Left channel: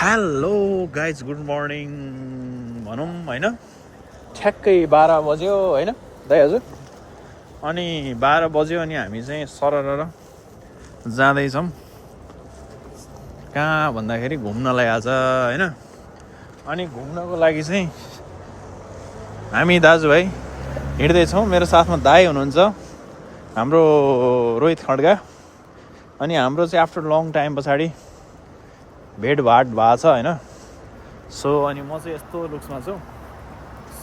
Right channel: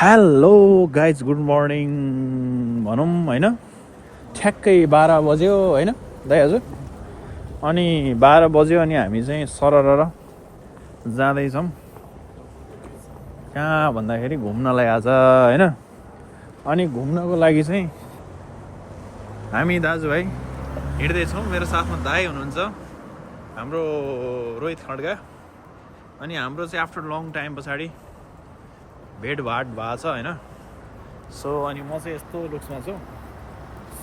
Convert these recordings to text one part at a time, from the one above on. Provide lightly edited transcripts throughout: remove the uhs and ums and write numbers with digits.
Hello guys good morning भनौँ होइन ठ्याक्कै 12 बज्यो होइन दाइ हजुर अनि 12 बज्यो अनि हामी चाहिँ सरर जाँदैछौँ कहाँ भन्दाखेरि घुम्नलाई आज होइन अनि घुम्नको लागि चाहिँ हामी दाजुभाइ हिँड्दैछौँ। मेरो साथमा दाइ हुनुहुन्छ हाम्रो रोहित खड्गा अनि हाम्रो चाहिँ आफ्टर लङ टाइम पछाडि भेटभाट भएको छ होइन। सो अनि म चाहिँ यस्तो लुक्समा छु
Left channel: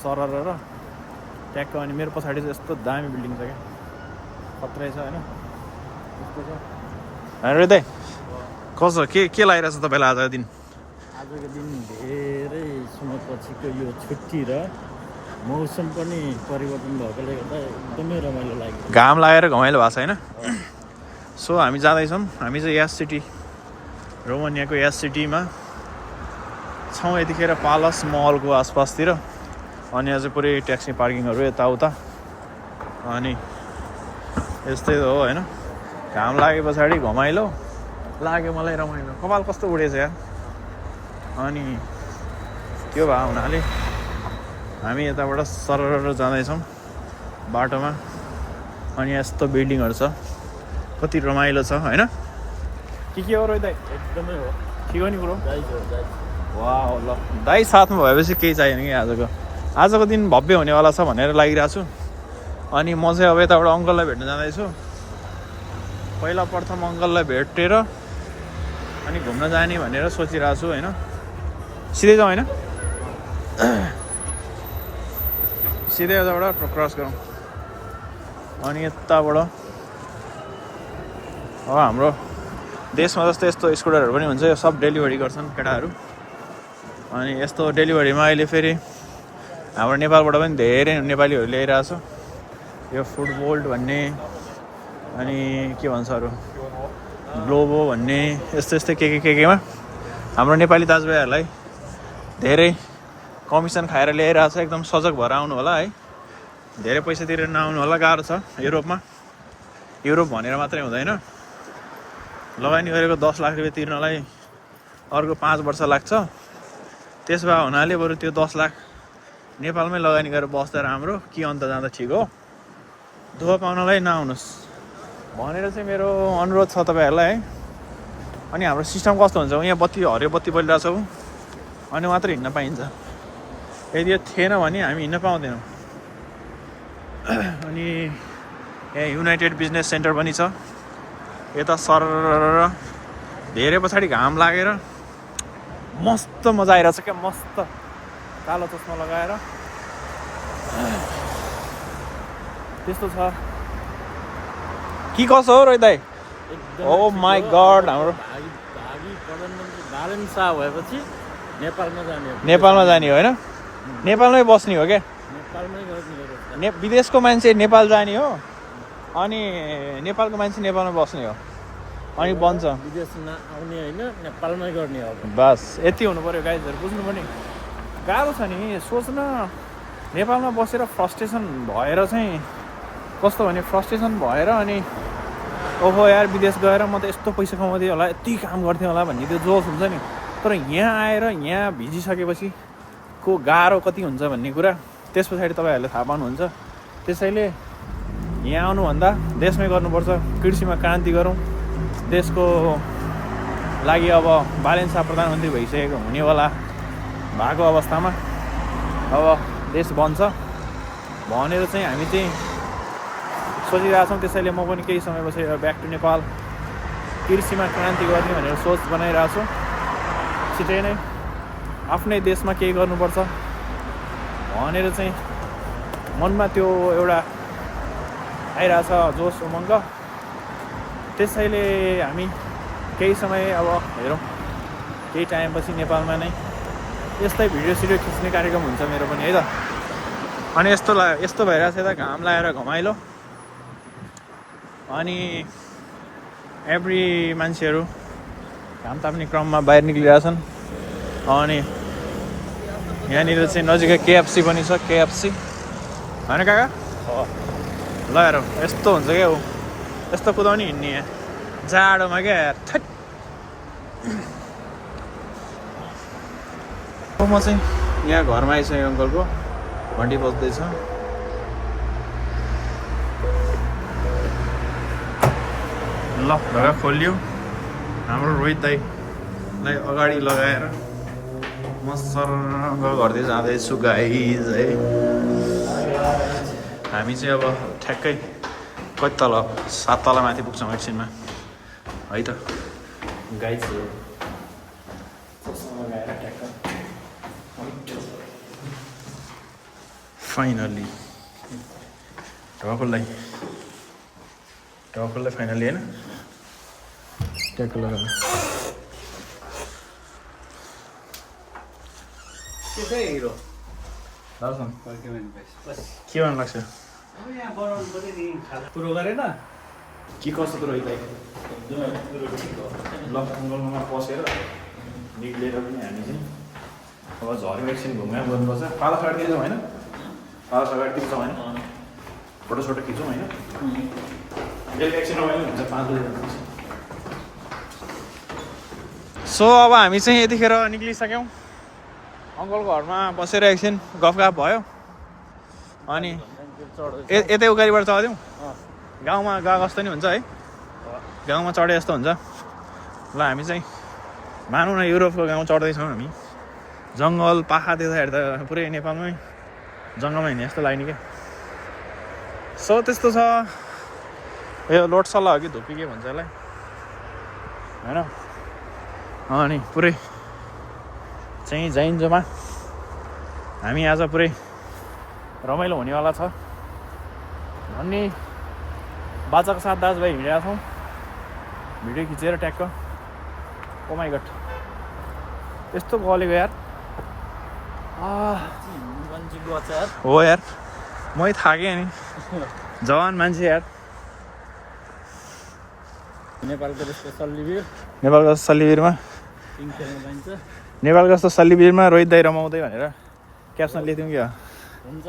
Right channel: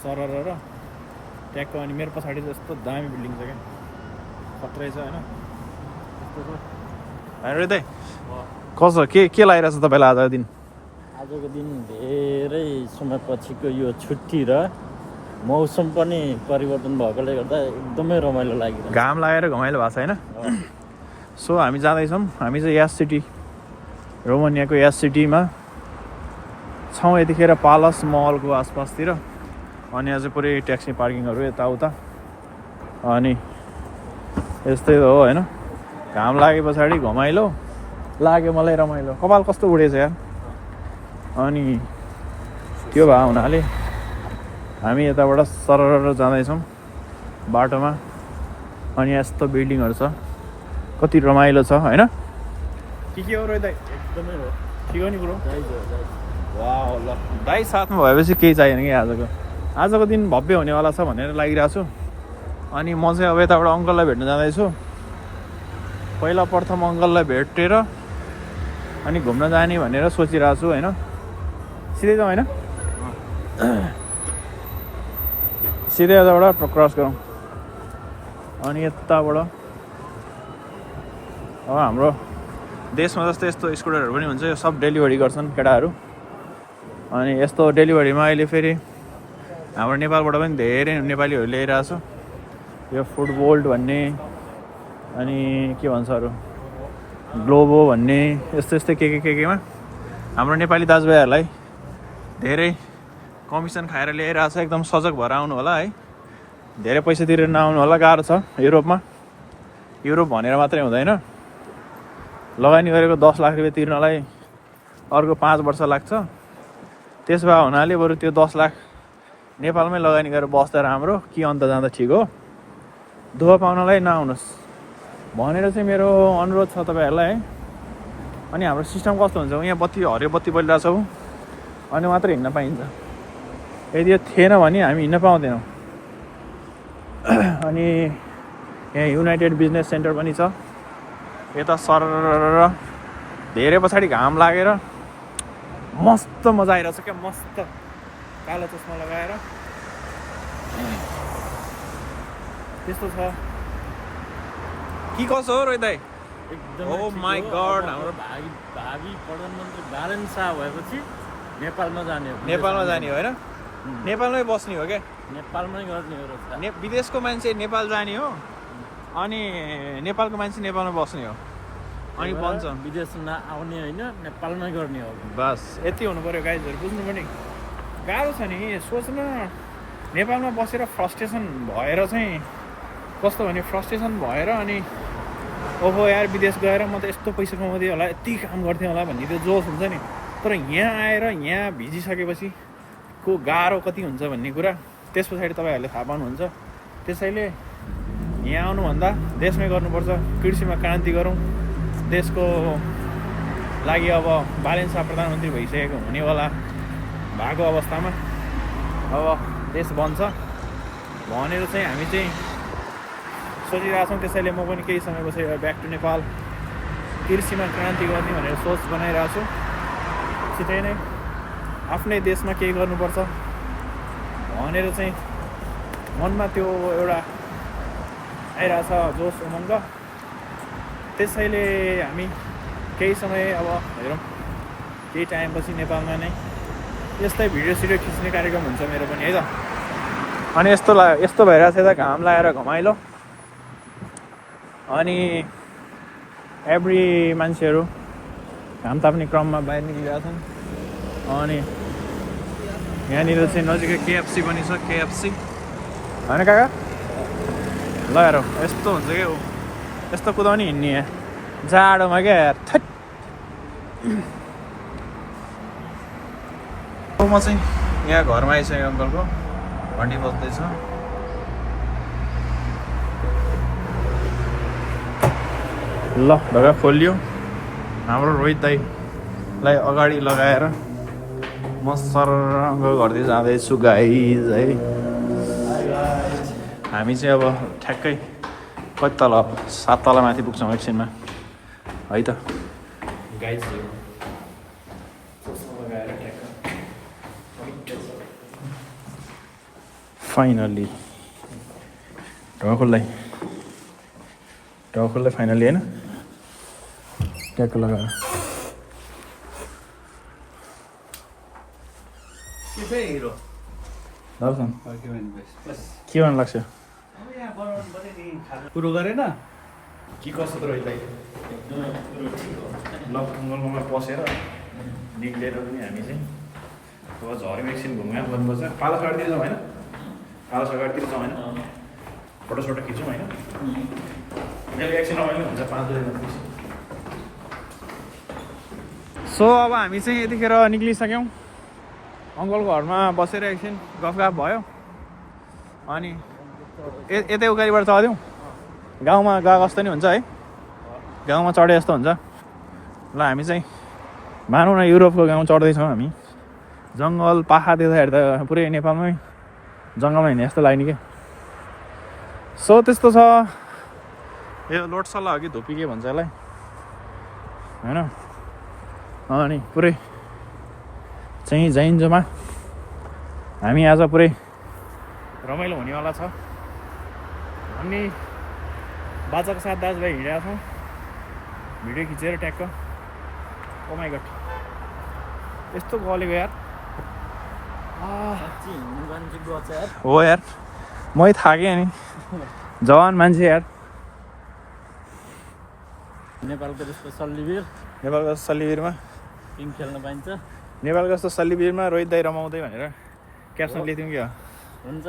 सरर र ट्याक्क अनि मेरो पछाडि चाहिँ यस्तो दामी बिल्डिङ छ क्या खत्रै छ होइन यस्तो छ होइन दाइ कसो के लागिरहेछ तपाईँलाई आजको दिन? आजको दिन धेरै समयपछिको यो छुट्टी र मौसम पनि परिवर्तन भएकोले गर्दा एकदमै रमाइलो लागिरहेको घाम लागेर घमाइलो भएको छ होइन। सो हामी जाँदैछौँ। हामी चाहिँ यास सिटी रोमानियाको यास सिटीमा छौँ यतिखेर पालस मलको आसपासतिर अनि अझै पुरै ट्याक्सी पार्किङहरू यताउता अनि यस्तै हो होइन। घाम लागे पछाडि घमाइलो लाग्यो मलाई रमाइलो कपाल कस्तो उडेछ यार। अनि त्यो भए हुनाले हामी यताबाट सरर जाँदैछौँ बाटोमा अनि यस्तो बिल्डिङहरू छ कति रमाइलो छ होइन। के हो रोइ दाइ? एकदमै हो के हो नि कुरो? दाइ वाह ल दाइ साथमा भएपछि केही चाहिएन कि आजको दिन भव्य हुनेवाला छ भनेर लागिरहेको छु। अनि म चाहिँ अब यताबाट अङ्कललाई भेट्न जाँदैछु। पहिला प्रथम अङ्कललाई भेटेर अनि घुम्न जाने भनेर सोचिरहेको छु होइन। सिधै जाउँ होइन सिधै यताबाट क्रस गरौँ अनि यताबाट अब हाम्रो देशमा जस्तो यस्तो स्कुटरहरू पनि हुन्छ यो सब डेलिभरी गर्छन् केटाहरू। अनि यस्तो डेलिभरीमा अहिले फेरि हाम्रो नेपालबाट पनि धेरै नेपालीहरू ल्याइरहेको छ यो फुड बोल्ट भन्ने अनि के भन्छ अरू ग्लोबो भन्ने यस्तो यस्तै केमा हाम्रो नेपाली दाजुभाइहरूलाई धेरै कमिसन खाएर ल्याइरहेको छ। एकदम सजग भएर आउनु होला है। धेरै पैसा तिरेर नआउनु होला गाह्रो छ युरोप भनेर मात्रै हुँदैन। लगानी गरेको 10 लाख रुपियाँ तिर्नलाई अर्को 5 वर्ष लाग्छ। त्यस भए हुनाले बरु त्यो 10 लाख नेपालमै लगानी गरेर बस्दा राम्रो के अन्त जाँदा ठिक हो। दुःख पाउनलाई नआउनुहोस् भनेर चाहिँ मेरो अनुरोध छ तपाईँहरूलाई है। अनि हाम्रो सिस्टम कस्तो हुन्छ यहाँ हरियो बत्ती बलिरहेको छौँ अनि मात्रै हिँड्न पाइन्छ। यदि यो थिएन भने हामी हिँड्न पाउँदैनौँ। अनि यहाँ युनाइटेड बिजनेस सेन्टर पनि छ यता सरर धेरै पछाडि घाम लागेर मस्त मजा आइरहेछ क्या। मस्त कालो चस्मा लगाएर त्यस्तो छ कि कसो हो रोइ दाइ? ओ माई गड हाम्रो भावी प्रधानमन्त्री बालेन शाह भएपछि नेपालमा जाने हो होइन नेपालमै बस्ने हो क्या। नेपालमै गर्ने हो विदेशको मान्छे नेपाल जाने हो अनि नेपालको मान्छे नेपालमा बस्ने हो अनि बन्छ विदेश नआउने होइन नेपालमै गर्ने हो। बस यति हुनु पऱ्यो गाइजहरू बुझ्नु पनि गाह्रो छ नि सोच्न। नेपालमा बसेर फ्रस्ट्रेसन भएर चाहिँ कस्तो भने फ्रस्ट्रेसन भएर अनि ओहो यार विदेश गएर म त यस्तो पैसा कमाउँथेँ होला यति काम गर्थेँ होला भन्ने त्यो जोस हुन्छ नि। तर यहाँ आएर यहाँ भिजिसकेपछि को गाह्रो कति हुन्छ भन्ने कुरा त्यस पछाडि तपाईँहरूले थाहा पाउनुहुन्छ। त्यसैले यहाँ आउनुभन्दा देशमै गर्नुपर्छ। कृषिमा क्रान्ति गरौँ। देशको लागि अब बालेन शाह प्रधानमन्त्री भइसकेको हुनेवाला भएको अवस्थामा अब देश बन्छ भनेर चाहिँ हामी चाहिँ सोचिरहेको छौँ। त्यसैले म पनि केही समयपछि ब्याक टु नेपाल कृषिमा क्रान्ति गर्ने भनेर सोच बनाइरहेको छु। छिटै नै आफ्नै देशमा केही गर्नुपर्छ भनेर चाहिँ मनमा त्यो एउटा आइरहेछ जोस उमङ्ग। त्यसैले हामी केही समय अब हेरौँ केही टाइमपछि नेपालमा नै यस्तै भिडियो खिच्ने कार्यक्रम हुन्छ मेरो पनि है त। अनि यस्तो भइरहेछ यता घाम लागेर घमाइलो अनि एभ्री मान्छेहरू घाम ताप्ने क्रममा बाहिर निक्लिरहेछन्। अनि यहाँनिर चाहिँ नजिकै केएफसी पनि छ केएफसी होइन काका ल हेरौँ यस्तो हुन्छ क्या यस्तो कुदाउने हिँड्ने जाडोमा क्या थट म चाहिँ यहाँ घरमा आइसकेँ अङ्कलको घन्टी बज्दैछ ल ढोका खोलियो हाम्रो रोहित दाईलाई अगाडि लगाएर म सरङ्ग गर्दै जाँदैछु गाइज है हामी चाहिँ अब ठ्याक्कै कति तल 7 तल माथि पुग्छौँ एकछिनमा है त गाइजहरू लगाएर ठ्याक्क फाइनली ढोका खोल्दै फाइनली होइन ट्याक्क लगाएर के भन्नु लाग्छ कुरो गरेन के कस्तो रोहित दाइ लङमा पसेर निक्लेर पनि हामी चाहिँ अब झऱ्यौँ एकछिन घुमघाम गर्नुपर्छ पाला सगाइदिन्छौँ होइन पाला सगाइदिन्छौँ होइन फोटोसोटो खिचौँ होइन बेलुका एकछिन रमाइलो हुन्छ 5 बजी सो अब हामी चाहिँ यतिखेर निक्लिसक्यौँ अङ्कलको घरमा बसेर एकछिन गफगाफ भयो अनि यतै उकालिबाट चढ्यौँ गाउँमा गएको जस्तो नि हुन्छ है गाउँमा चढे जस्तो हुन्छ ल हामी चाहिँ मानौँ न युरोपको गाउँ चढ्दैछौँ हामी जङ्गल पाखा देख्दाखेरि त पुरै नेपालमै जङ्गलमा हिँड्ने जस्तो लाग्ने क्या सो त्यस्तो छ यो लोटसल्ला हो कि धुप्पी के भन्छ यसलाई होइन अनि पुरै चाहिँ जाइन्जोमा हामी आज पुरै रमाइलो हुनेवाला छ भन्ने बाजाको साथ दाजुभाइ हिँडेका छौँ भिडियो खिचेर ट्याक्क ओ माइ गड यस्तो गलेको यार हो यार मै थाकेँ नि जवान मान्छे यार नेपालको जस्तो सल्लिबिर नेपालको सल्लिबिरमा पिङ खेल्न पाइन्छ नेपालको जस्तो सल्लिबिरमा रोहित दाइ रमाउँदै भनेर क्याप्सन लेख्थ्यौँ क्या हुन्छ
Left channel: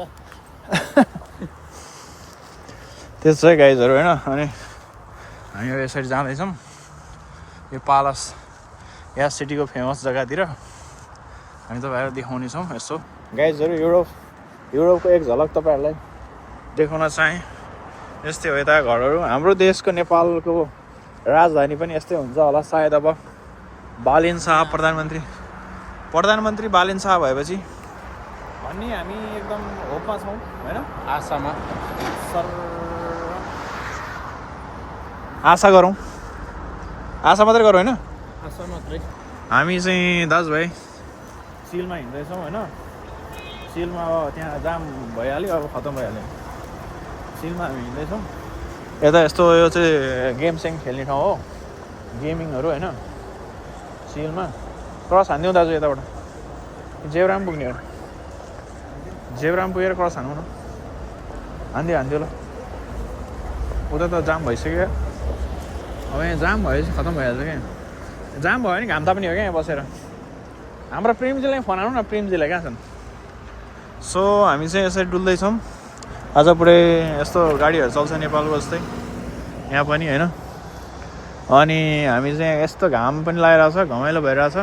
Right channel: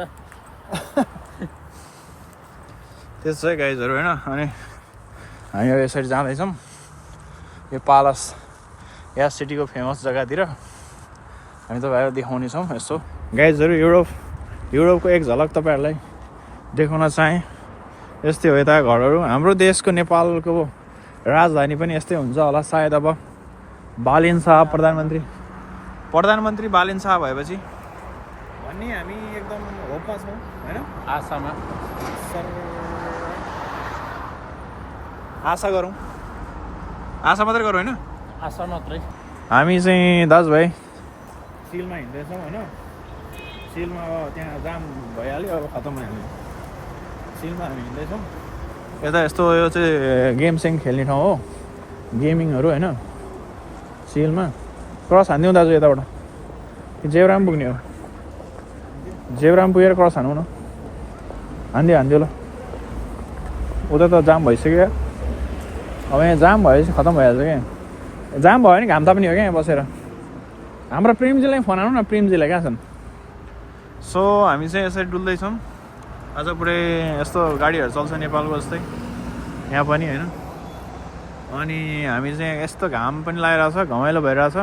त्यस्तो चाहिँ गाइजहरू होइन अनि हामी अब यसरी जाँदैछौँ यो पालस या सिटीको फेमस जग्गातिर हामी तपाईँहरू देखाउनेछौँ यसो गाइजहरू युरोपको एक झलक तपाईँहरूलाई देखाउन चाहेँ यस्तै हो यता घरहरू हाम्रो देशको नेपालको राजधानी पनि यस्तै हुन्छ होला सायद अब बालिन शाह प्रधानमन्त्री बालिन शाह भएपछि भन्ने हामी एकदम होपमा छौँ होइन आशामा आशा गरौँ आशा मात्रै गरौँ होइन आशा मात्रै हामी चाहिँ दाजुभाइ सिलमा हिँड्दैछौँ होइन सिलमा अब त्यहाँ जाम भइहाल्यो अब खतम भइहाल्यो सिलमा हामी हिँड्दैछौँ यता यस्तो यो चाहिँ गेमसेम खेल्ने ठाउँ हो गेमिङहरू होइन सिलमा क्रस हानिदिउँ दाजु यताबाट जेब्राम पुग्ने हो जेब्राम पुगेर क्रस हानौँ न हानिदियो ल उता त जाम भइसक्यो अब यहाँ जाम भएपछि खतम भइहाल्छ क्या जाम भयो भने घाम ताप्ने हो क्या यहाँ बसेर हाम्रो प्रेमजीलाई फोन हानौँ न प्रेमजीलाई कहाँ छन् सो हामी चाहिँ यसरी डुल्दैछौँ आज पुरै यस्तो गाडीहरू चल्छ नेपालको जस्तै यहाँ पनि होइन अनि हामी चाहिँ यस्तो घाम पनि लागिरहेछ घमाइलो भइरहेछ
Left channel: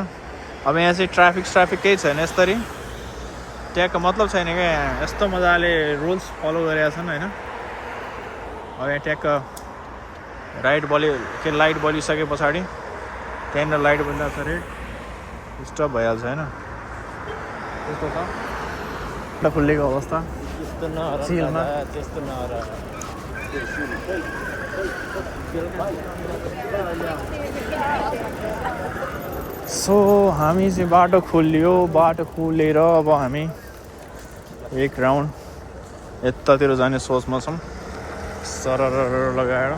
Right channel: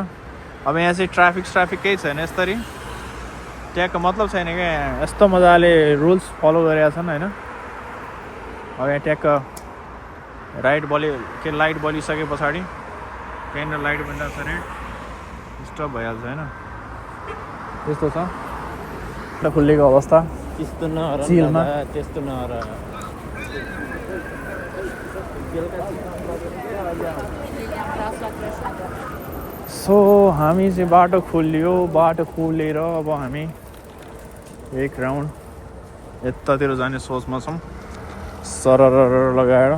अब यहाँ चाहिँ ट्राफिक केही छैन यसरी ट्यागको मतलब छैन क्या यहाँ यस्तो मजाले रुल्स फलो गरेका छन् होइन अब यहाँ ट्यागको लाइट बलिसके पछाडि त्यहाँनिर लाइट बलिरहेको छ रेड स्टप भइहाल्छ होइन त्यस्तो छ खुलेको अवस्था सिलमा सो हामी चाहिँ बाटो खोलेर अब हामी एक राउन्ड यतातिर जाने सोचमा छौँ सरर लगाएर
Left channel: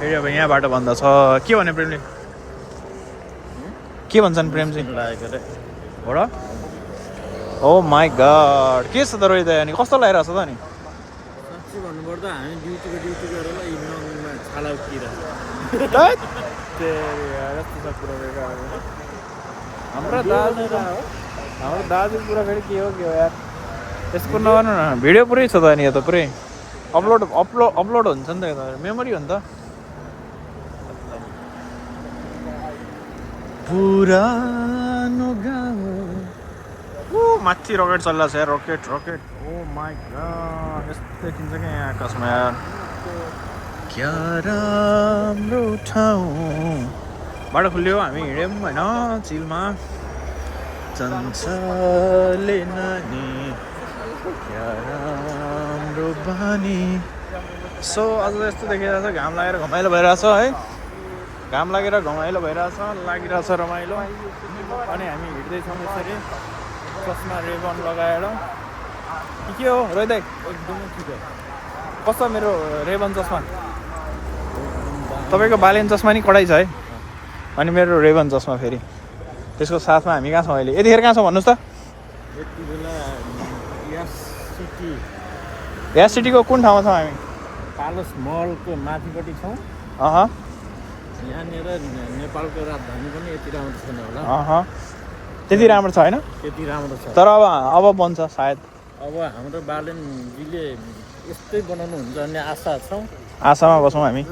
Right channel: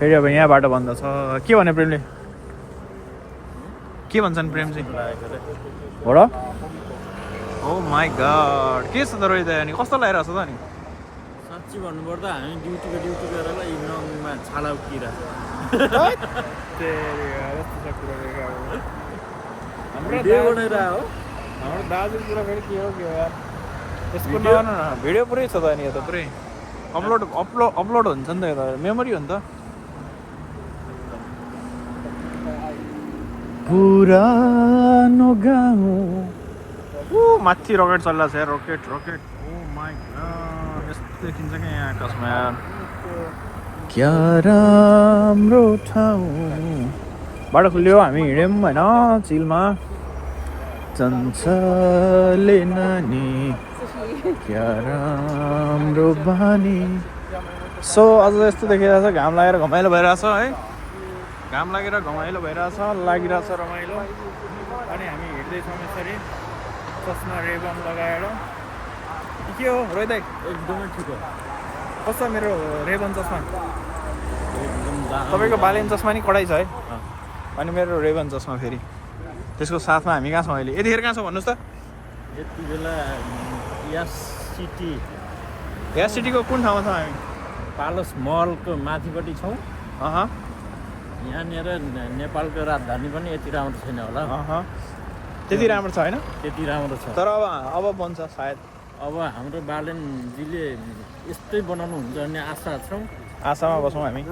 फेरि अब यहाँ बाटो भन्दा छ के भने प्रेमले के भन्छन् प्रेमजी हो र ओ माई गड के छ त रोहित अनि कस्तो लागिरहेको छ त अनि साँच्ची भन्नुपर्दा हामी ड्युटी गरेर इभिनिङमा छाला उकिरहेको हाम्रो दाजु कुरा फेरि के हो यार त्यसको नगर्नु न भिडियो पुरै छ त अनि यता पुरै अपलोड हुन्छ नि त यता मेमोरी हो नि त पुरानो गाउँ माथि रकेट चलिरहेको छ यार rocket rocket oh my god यस्तो देखिन्छ क्या यहाँ आकाशमा यार क्या राम्रो ठाउँ बाटो खुल्यो हामी हिँड्यौँ होइन चिलमा चञ्चले नानी क्या राम्रो बानी सो आज यस्तो देखिरहेको छ घाम लागेर घमाइलो भइरहेछ है घाम लागेर घमाइलो भइरहेछ लागिरहेछ रमाइलो अनि हामी हिँड्दैछौँ यसरी चस्मा रेबन लगाएर के हो रोहित एकदमै ठिक हो कस्तो मेरो रेबन चस्मा एकदम तपाईँको बालेन चस्मा नि कडाइ छ है अनि मेरो रेबन चस्मा फेरि त्यसको साथमा हामी कहाँ छौँ अहिले यतिखेर कहाँ छौँ भन्नुहोस् त यति बेला यास सिटी ग्यास सिटीको कुन ठाउँमा छौँ हामी पालस महलको माथिपट्टि छौँ यहाँनिर नेपालको राजधानी पनि यति राम्रो छैन होला त्यति राम्रो छ होइन त्यति राम्रो छ तर अब बन्छ सायद अब हाम्रो बालेनजीले यस्तै बनाउनु हुन्छ भन्ने आशा छौँ आशामा बसौँ हामी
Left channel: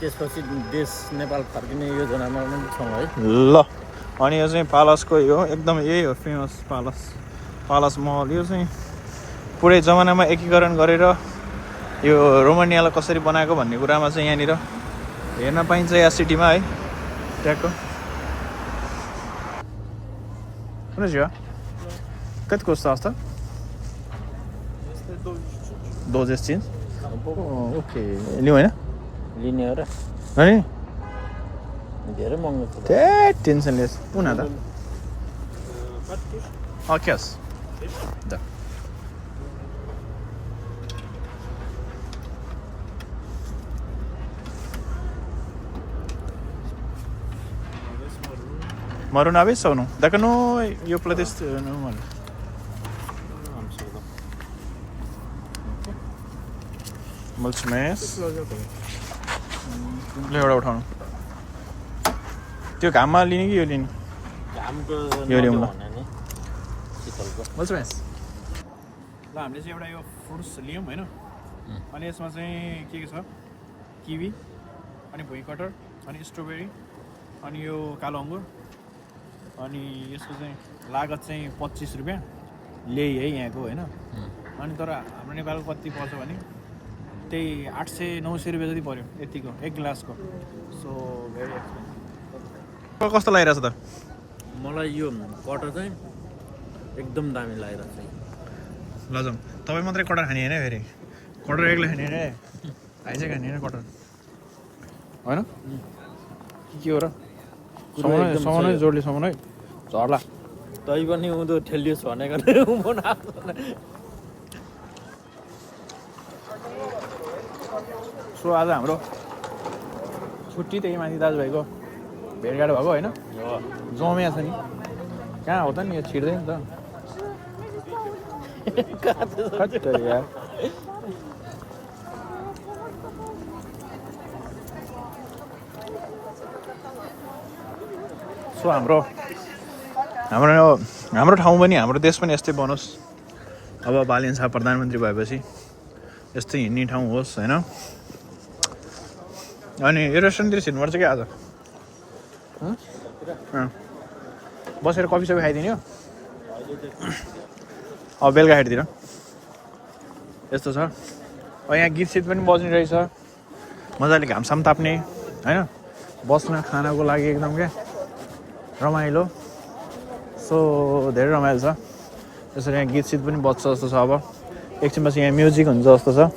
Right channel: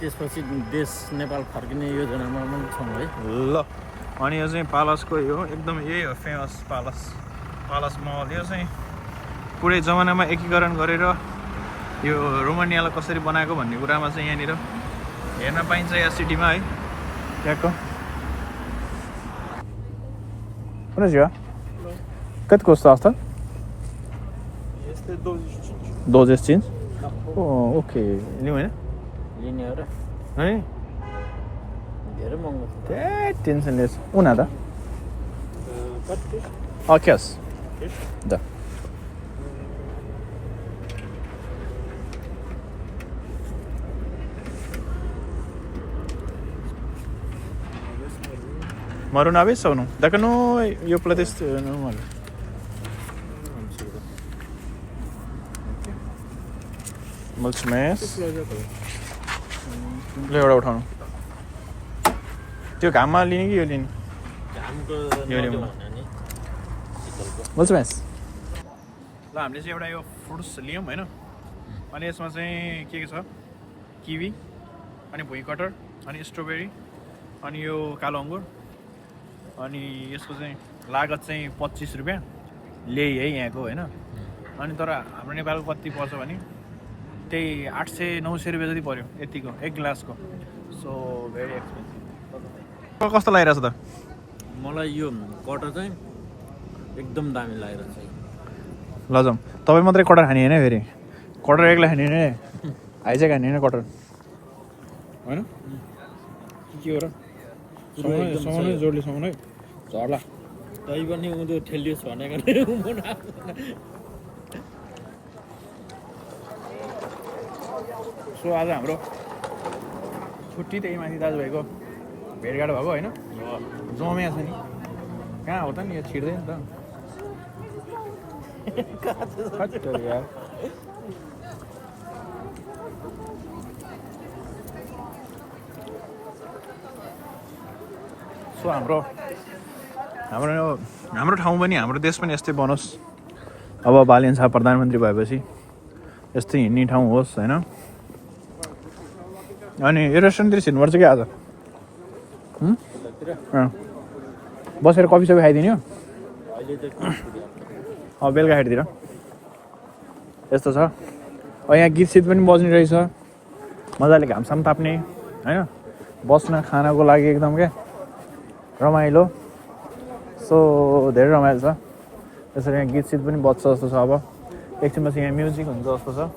त्यसपछि देश नेपाल फर्किने योजनामा पनि छौँ है ल अनि यो चाहिँ पालसको यो एकदम यही हो फेमस पालस महल यो चाहिँ पुरै जमानामा एकीकरण गरेर यो रोमानियालाई कसरी बनाएको भन्ने कुरामा चाहिँ यहाँनिर हेर्न पाइन्छ या सिटीमा है त्यहाँको सुन्नुहोस् कति कस्तो आउँछ 12 inch ओके लिउँ होइन लिने हो र अनि धेरै महँगो छ त्यही टेन्सन लेस उना त cash the Maar una vez o no? Dacă nu, eu plătesc normal. Mulțumesc. Le एउटा उठाउनु त्यो घाममा लिने कि यो लिने यो लिउँ ल mulțumesc ल हामीले चाहिँ एउटा यो फ्रुट्स लियौँ होइन अनि यसमा चाहिँ के छ किवी अनि भुइँ कटर अनि स्ट्रबेरी अनि यो कालो अङ्गुर अनि यसको चाहिँ लागत चाहिँ 25 रुपियाँ ल्याइ है यहाँको होइन अनि तर हाम्रो नेपालको कति पर्छ भने त्यही 800-900 रुपियाँ जति पर्यो यतिको एक ग्लासको सो भेरी एक्सपेन्सिभ कस्तो लागिरहेछ त मलाई यो कटर चाहिँ एकदम दामी लागिरहेछ ल जाउँ तपाईँ मात्रै कटर खाने होइन फेरि कटर एक्लै खाने होइन हाइजेक खाने होइन कटर होइन के हो र समाउनु है जोडले समाउनु है झर्ला तै पनि उँधो ठेलियोस् भनेको सो आज हाम्रो छुट्टी त्यही माथि दाजुभाइको भेटघाट भएको होइन जमिया छ नि कहाँ हो त नि यो छिर्दैन त यार सो हाम्रो ठाउँ पनि हाम्रो देश पनि यस्तै बनोस् अब बालेन शाह प्रधानमन्त्री भएपछि यस्तै हिँड्ने ठाउँ होस् होइन अनि यो रेस्टुरेन्टतिर छिर्नुपर्छ कि आज बसेर कफी सफी खाइदिने हो अब बेलुका हेरतिर यस्तो छ यहाँ गीत सित पनि बज्ने रहेछ मजाले घामसाम ताप्ने होइन बस्न खानको लागि एकदम क्या रमाइलो सो धेरै रमाइलो छ यसरी यहाँ गीत सित पनि बज्छ जस्तो छ अब एकछिनपछि यहाँ म्युजिक हुन्छ जस्तो छ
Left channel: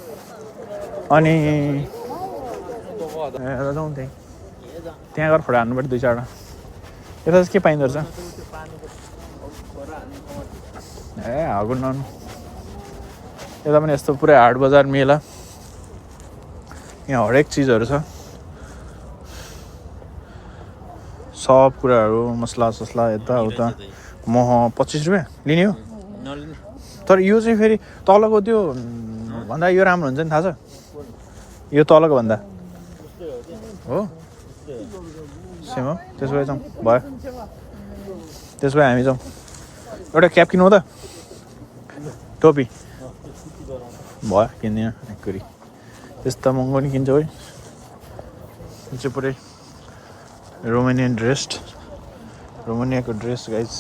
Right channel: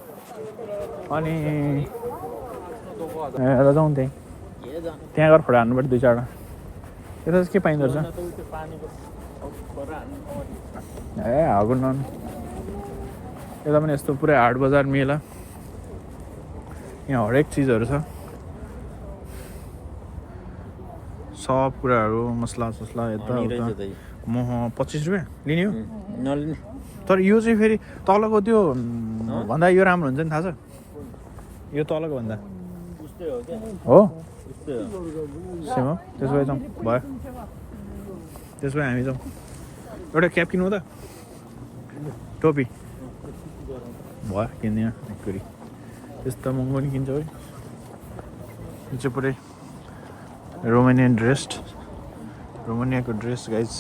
अनि जाउँ त्यहाँ गएर फोटो हान्नु पर्यो 2-4 यता चाहिँ के पाइँदो रहेछ ए हागु ननु यता पनि यस्तो पुरै हाट बजार मेला यहाँ हरेक चिजहरू छ सब कुराहरू मसला ससला यताउता मह 25 रुपियाँ लिने हो तर यो चाहिँ फेरि तलको त्यो भन्दा यो राम्रो हुन्छ नि थाहा छ यो तलको भन्दा हो सेम हो त्यसो भए जाउँ भयो त्यसो भए हामी जाउँ एउटा क्याप किनौँ त टोपी भयो किन्दिनँ एकचोटि त्यस्तो महँगो नि किन्छ है यो चाहिँ पुरै रोमानियाको ड्रेस गाइज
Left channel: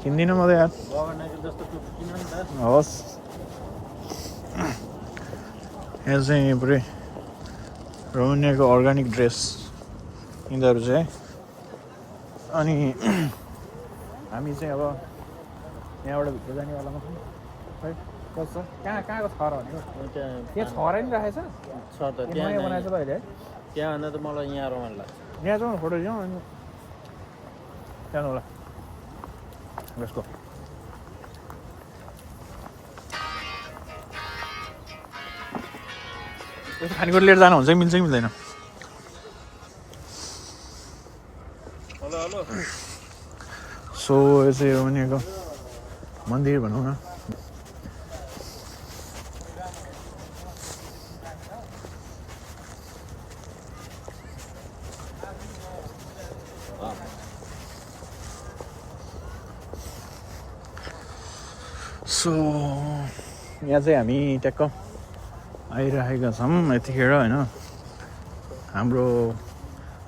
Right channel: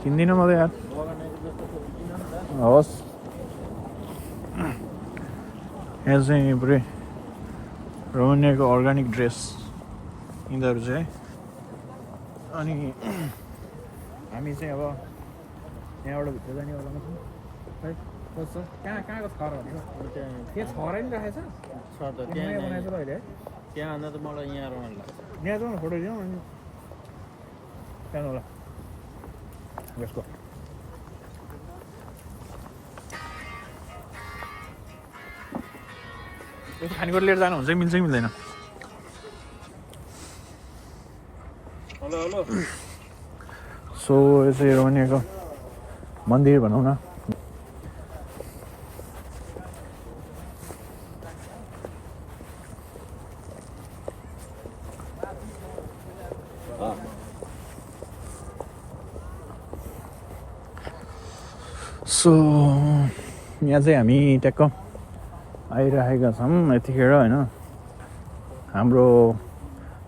किन्दिनँ म त यार हवस् यहाँ चाहिँ पुरै रोमानियाको अर्ग्यानिक ड्रेस यिनीहरू चाहिँ अनि हामी चाहिँ अब यहाँबाट भित्र जानेवालामा छौँ है कस्तो कहाँ कहाँको छ र भनेको त्यहाँ छरै नि राखेछ छ त नयाँ बनाएछ त अहिले है त्यहाँ भन्दा त मलाई यहाँ रमाइलो लाग्छ यहाँ जाउँ फोटो जाउँ अनि जानु होला जस्तो यस्तो खानेकुरा लिएर जानु हुन्छ कि मिल्छ कि मिल्दैन सो यो चाहिँ रोमानियाको मन्दिर भनौँ न सो यहाँ चाहिँ हामी ट्याक्क आइरहेका छौँ यतिखेर होइन हाम्रो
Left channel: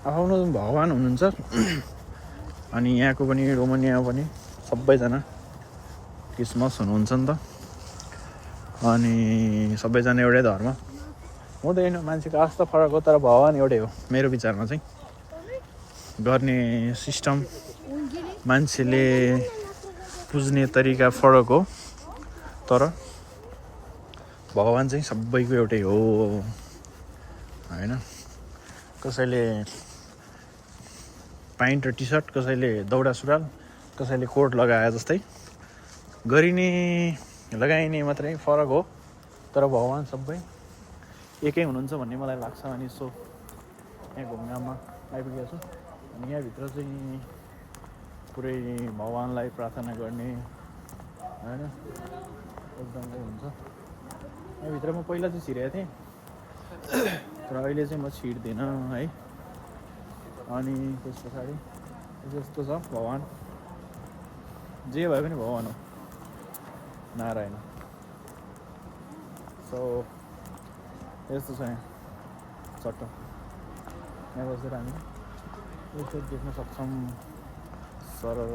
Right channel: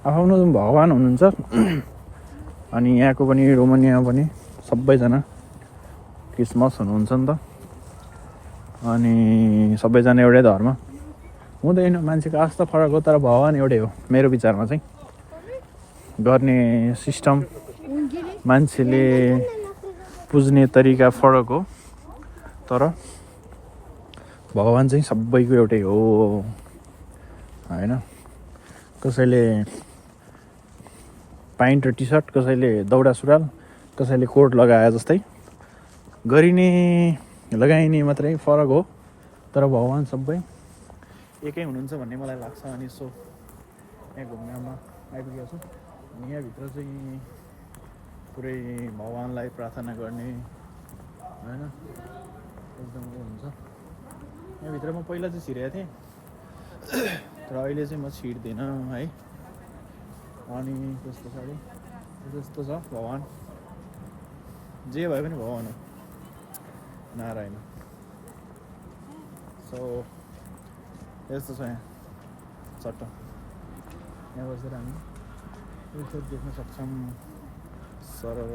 आफ्नो भगवान् हुनुहुन्छ अनि यहाँको पनि रोमानियामा पनि सबैजना क्रिसमस हुनुहुन्छ नि त अनि सबैजना एउटै धर्म हुँदैन मान्छेको आस्था फरक हो तर भगवान् एउटै हो मेरो विचारमा चाहिँ गर्ने सिस्टम मान्छेले पुज्ने तरिका फरक हो तर भगवान् चाहिँ सबैको एउटै हो होइन कसैले प्यान्ट र टी सर्ट कसैले दौडा सुरुवाल कसैले कोट लगाए जस्तै गरिने लगाइने मात्रै फरक हो तर भगवान् सबै एकै हुनुहुन्छ भन्ने मलाई लाग्छ अनि सो यहाँ घुमघाममा आइपुगेको छु अनि यहाँभित्र चाहिँ पुरै भगवान्लाई प्रार्थना गर्ने होइन एकदम हुन्छ यहाँभित्र म पहिला चाहिँ छिरेको थिएँ तर अहिले चाहिँ म छिर्दिनँ है अनि त्यस पछाडि जस्तो छ भगवान् जे भए पनि भगवान् हो नारायण सो यस्तो छ यहाँ चट्ट यहाँ बसेर हामी यसो देख्न सक्छौँ सरर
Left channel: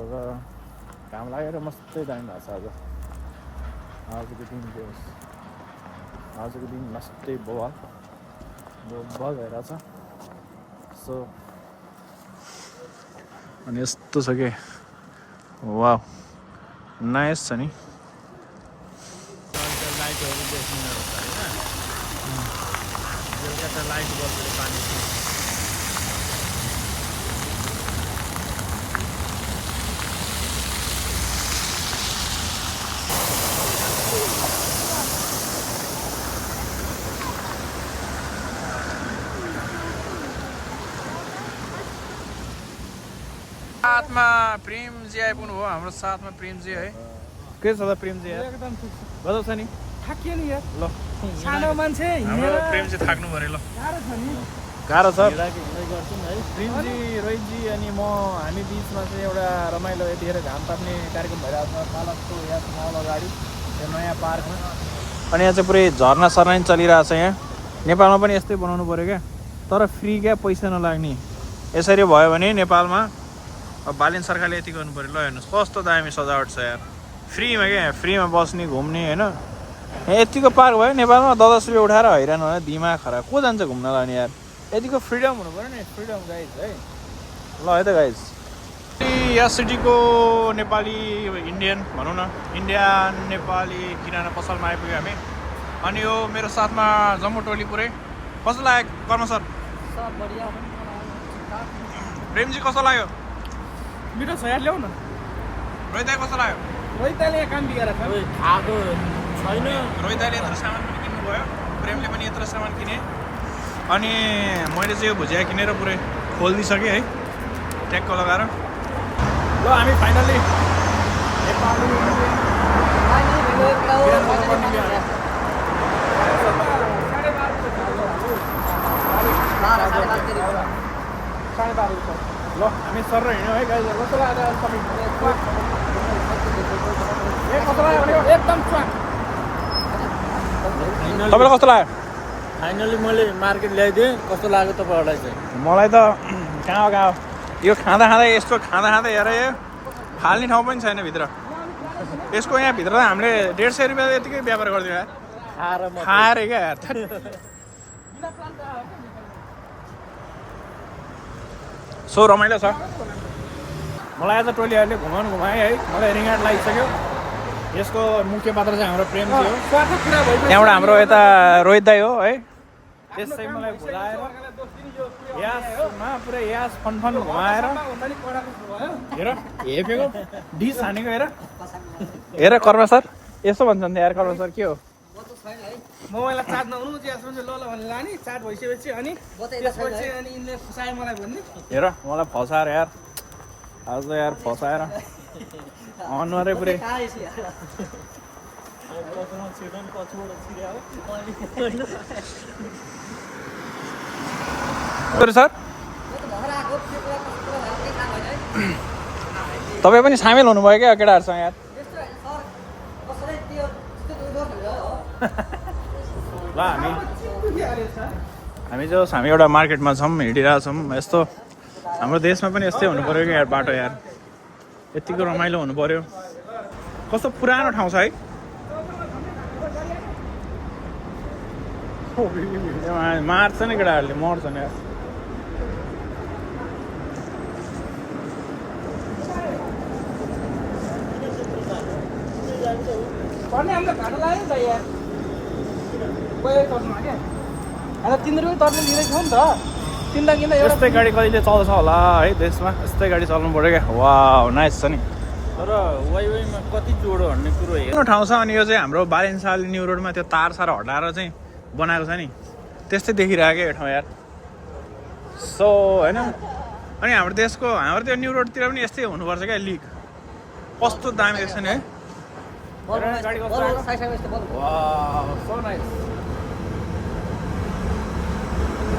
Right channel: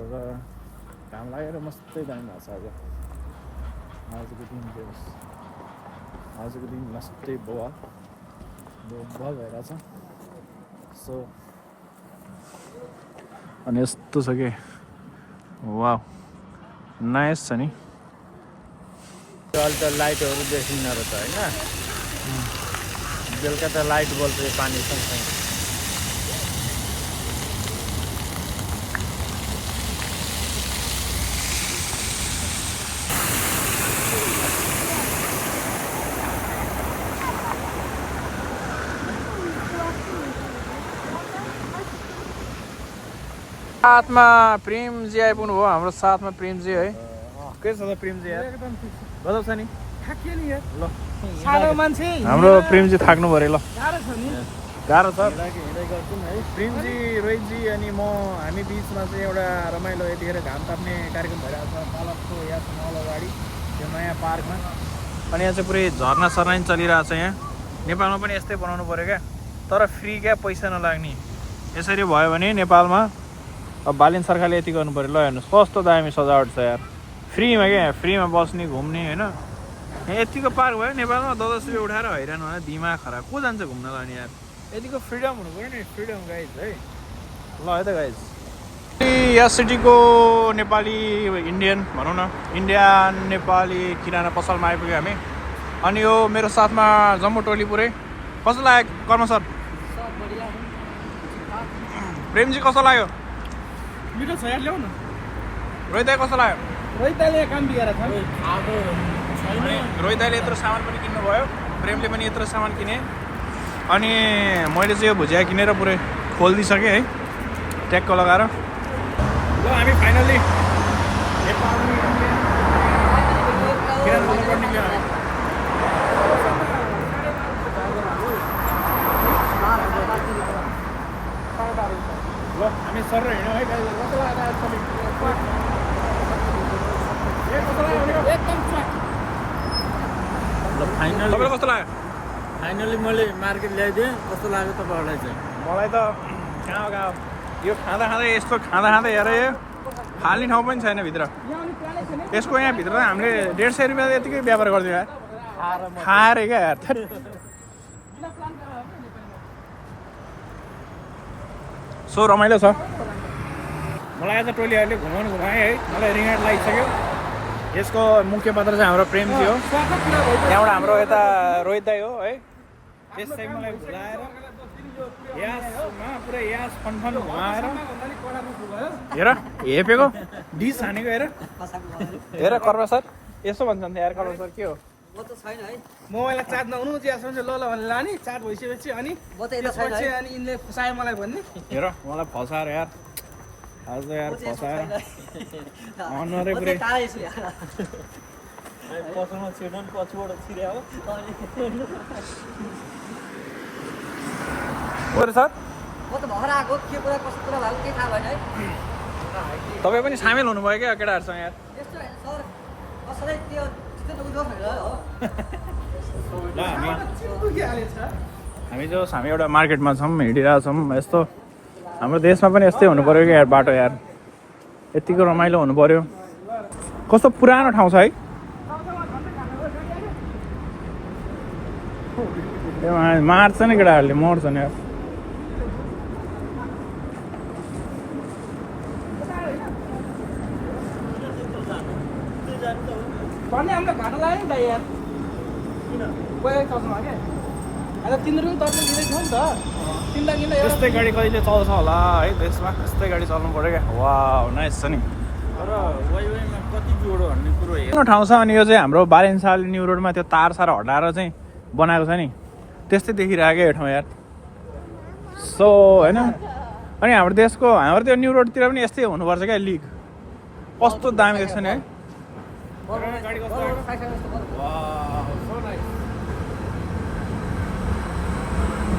घाम लागेर मस्तै दामी भएको छ आजको दिन के होस् आजको दिन मस्तै बवाल भइरहेछ सो अनि यस्तो छ कि वाउ नाइस छ नि लाइटहरू देखिँदो रहेछ होइन बेलुका त लाइट बल्बको पानी छ साथमा प्रेमजी आइपुग्नु भयो हाम्रो साथमा प्रेमजी है के छ त प्रेमजी यार एकदम गजब छ नि थाकियो नि यार ल सानो मान्छे हाम्रो प्रेमजी थाक्नु पऱ्यो ल गाह्रो छ नि गाह्रो छ हिँडाइ गर्छौँ है प्रेमजी रोहितजी अनि म हामी बिचमा चाहिँ एउटा रमाइलो यतिखेर घाम ताप्ने कार्यक्रम भइरहेको छ कालजको यहाँ मल अगाडि त्यो नयाँ पार्कमा अनि यहाँ चाहिँ पुरै झर्ना सर्ना पनि चलिरहेको छ यहाँ नेपालमा पनि यस्तै बनाउनु पऱ्यो क्या तर फ्री क्या पैसा नलाग्ने यसरी भयो भने नेपालमा अब बालिन सरकारले यति गर्नु पऱ्यो ल हेर्नुहोस् कस्तो दामी सजावट छ यार फ्रीमा क्या फ्रीमा बस्ने घुम्ने होइन यहाँ यतिको पार्क भयो नेपालमा 10 रुपियाँ उठाएर हैरान हो दिमाग खराब को जान्छ घुम्न लाने यार यतिको फ्रिडम हुनु पऱ्यो नि फ्रिडम गाइज है ल है त गाइज यस सिटीको नेपाली इन्डियन भनौँ न इन्डियन नेपाली किराना पसलमा आइपुग्यो हामी अनि यो मेरो साथमा जम्मू टोली पुरै कस्तो लाग्यो कर्म सर प्रेमजी कस्तो लाग्यो मिठो छ यार ल्याउ न रोहित दाइ कस्तो लाग्यो रोहितले काम दिएर खाएको छैन रोहित दाइले यत्रो सामान पनि किन्नुभयो प्रेमले पनि यत्रो सामान किने अनि मैले चाहिँ यो भुजिया किनेर पुरै खोलिदिइसकेँ है ट्याक्क लगाएर ल हामी फाइनल्ली नेपाली ल हामी सर हिँड्यौँ है गाइजहरू कस्तो लाग्यो सबै कस्तो लाग्यो भनेको एकदम तपाईँलाई कस्तो लाग्यो फाइनली मैले मार्केट ल्याइदिएँ कस्तो लाग्यो तपाईँहरूलाई चाहिँ मलाई त कहाँ यो खाँदा खाँदा यस्तो खाँदा खाँदा हेर यो फाल्ने ठाउँ पनि छैन भित्र यसको यहाँभित्र त हामीले 150 रुपियाँ यतिकै व्यापार गरिदियो यार खाएर क्या यार सो रमाइलो छ मलाई आज टोलीहरूले घुमाए है मलाई रिङाट लागिसक्यो यसको मुख्य पात्र चाहिँ हाम्रो प्रेम थियो त्यहाँबाट हाम्रो यता रोहित दाई हो है त्यसै मलाई भुलाएर यासमा पुरै यास फनफन घुमाएर हेर हेपेको डिस हानेको हेर कर्मा सर यसो भन्छन् यार कर्मा सर के हो मोबाइललाई चार्ज नहुनु चियासम्म चाहिँ ल भनेर लाने चार्ज भइसकेपछि अनि त्यसपछि अनि यिनले फसायो मलाई भन्ने हेर मलाई फसाएर यार आज त यार फसाएर अनुहारै पुरै सर तपाईँ पनि सामेल हुनुभयो क्या केटाहरूसँग यार ल हामी जो हामी एउटा मार्केटमा छौँ हिँडिरहेछौँ यस्तो हाम्रो देशमा पनि यस्तै हुनु पऱ्यो क्या यार बाटो यार यतिको रमाइलो हुनु पऱ्यो कस्तो पुरानो ठाउँ छ है मार्छ नि केटाहरूले मोड्छ नि यस्तै गाडी कहिले चल्छ होला है देशमा यस्तै गाडी चल्नु पऱ्यो क्या वा नाइस छ नि तर वाइवाईमा कति जोडो भन्ने कुरो हेर्नु ठाउँ छ अनि यो चाहिँ हाम्रो बालेन्साल न्यु रोडमा त्यो तार सार हटाएर चाहिँ बनाएको छ नि त्यस्तै देखिरहेको यो ठाउँ यार सो होइन अनि हाम्रो देशको हाम्रो त्यो न्यु रोडतिर पनि यस्तै हुनुपर्छ क्या लिग कस्तो दामी रहेछ नि है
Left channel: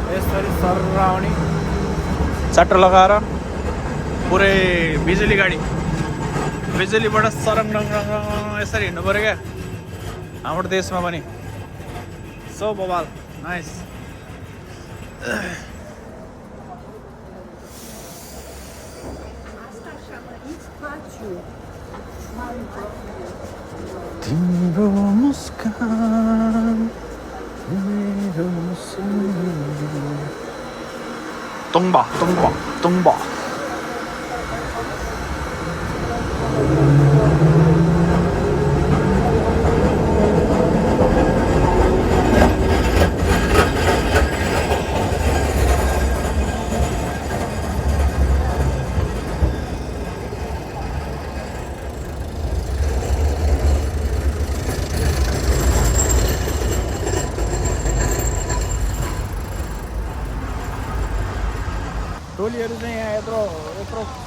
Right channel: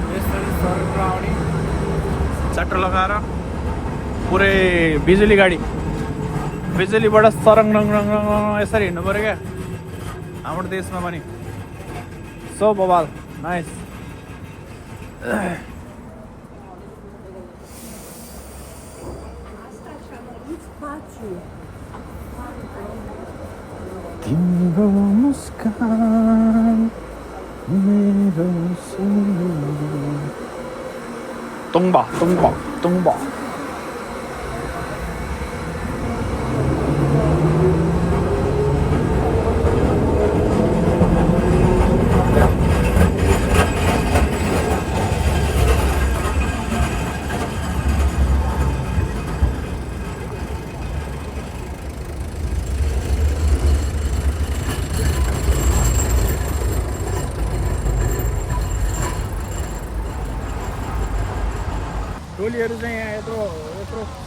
यसरी सर आउने चट्ट लगाएर पुरै बिजुली गाडी बिजुलीबाट सरङ यसरी हिँड्नु पऱ्यो क्या हाम्रो देशमा पनि सो बबाल नाइस तिम्रो मुस्कान मेरो Tumba टोलीहरू चाहिँ यहाँ यत्रो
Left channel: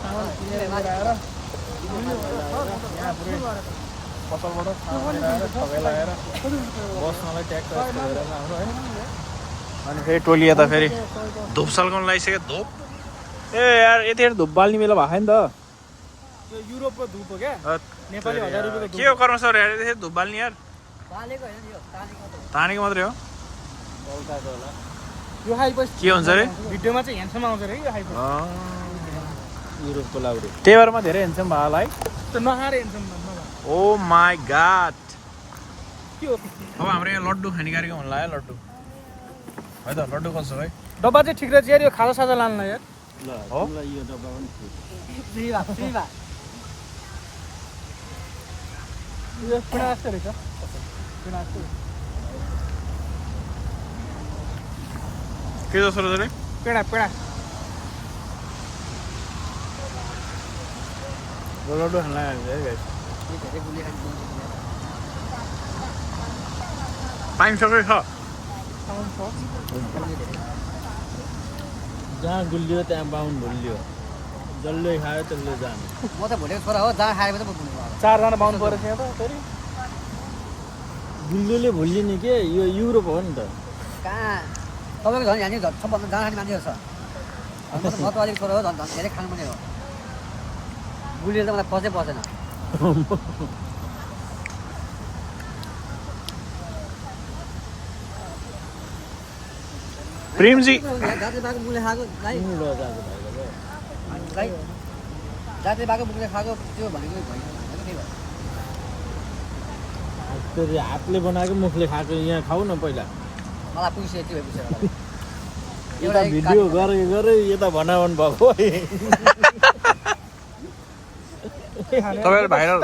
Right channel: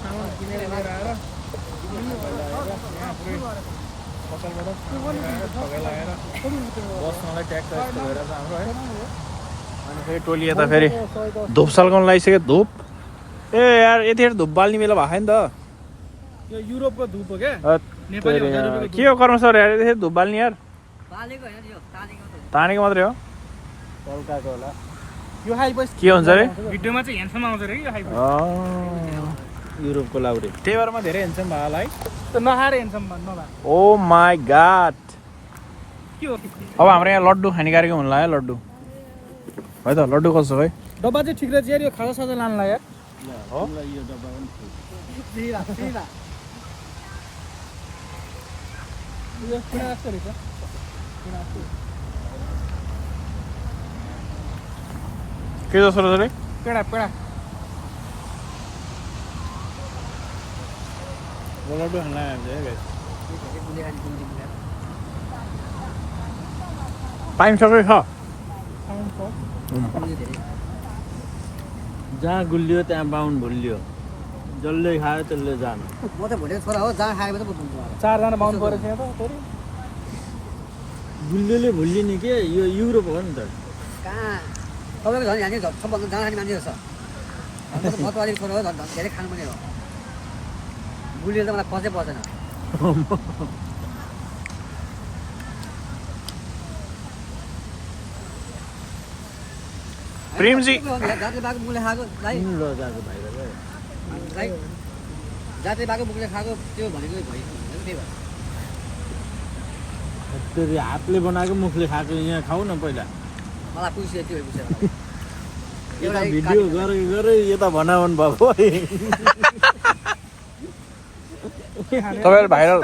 सामान किनेर लिएर आएर यहाँ पुरै पसलबाट सामान लिएर आएर ठगाइ लगाएर बस्नलाई ट्याक्क यस्तो भइरहेछ हाम्रो है अनि फेरि टोली यता फेरि धुप सल्काउन लागिसक्यो धुप ए यार यतिखेर धुप बाल्ने बेला भएको नि त यो युरोपको धुप हो क्या नेपाली 1000 रुपैयाँको के हो कर्म सर यार यतिखेर धुप बाल्ने यार तानेको मात्रै हो यो हाइबस के हुन्छ रे भिडियोमा चाहिँ ह्यान्डसम आउँछ रे यो हाइबस युरोपको लाउरी त्यही भएर म धेरै ह्यान्डसम भयो होला है त नखाएर ह्यान्डसम भन्नु ओ माई गॉड के हो अब हाम्रो यहाँ लड्डु खाने कार्यक्रम हुन लाग्यो लड्डु है त लड्डु कसो है डब्बा चाहिँ ठिक रहेछ यार यो खाजा साजा लानु लाग्यो ल हो? तिमीलाई यो डब्बा पनि यो पुरा जस्तो रहेछ पुरा जस्तो के जस्तो रहेछ रे पेडा लड्डु खान लाग्यो है गाइस पाइन्छ कि छ जहाँ गुलियो त्यहाँ बाहुन भुलियो जसले खायो त्यसले जानु म त भनेको छोरा हो जहाँ खाएको त चारजना पाउनु पऱ्यो त्यहाँ त गुलियोले भुलिने के यो युरोप हो नि त कहाँ तपाईँको झन् यहाँनिर सबभन्दा जहाँ खाने मान्छेहरू छ नेपाली छोरा हो धेरै खानु पर्ने हो गुलियो त मलाई खोजै पर्दैन प्रेमजी दाजु बाको मुले खाएको ल जाको भाइले जाति बाको मुखले खाएको त्यो भनेको भएन भनेको त्यही हो तेरि हातले बनाएको मुखले खाएको यहाँ खाऊ न पहिला मलाई पुग्छ त्यो भएपछि यता भिडियो गरे यता भनावन भएको तपाईँले भाइरल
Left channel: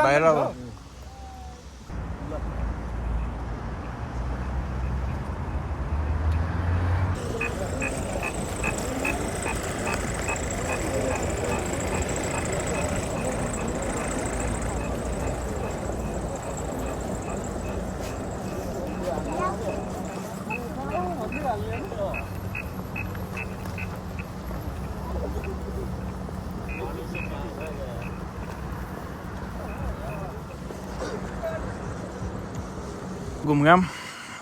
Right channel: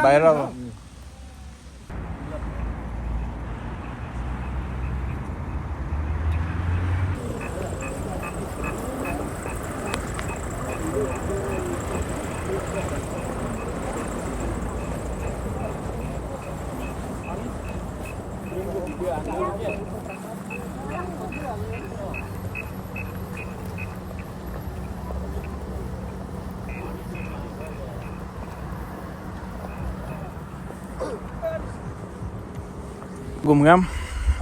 घुमघाम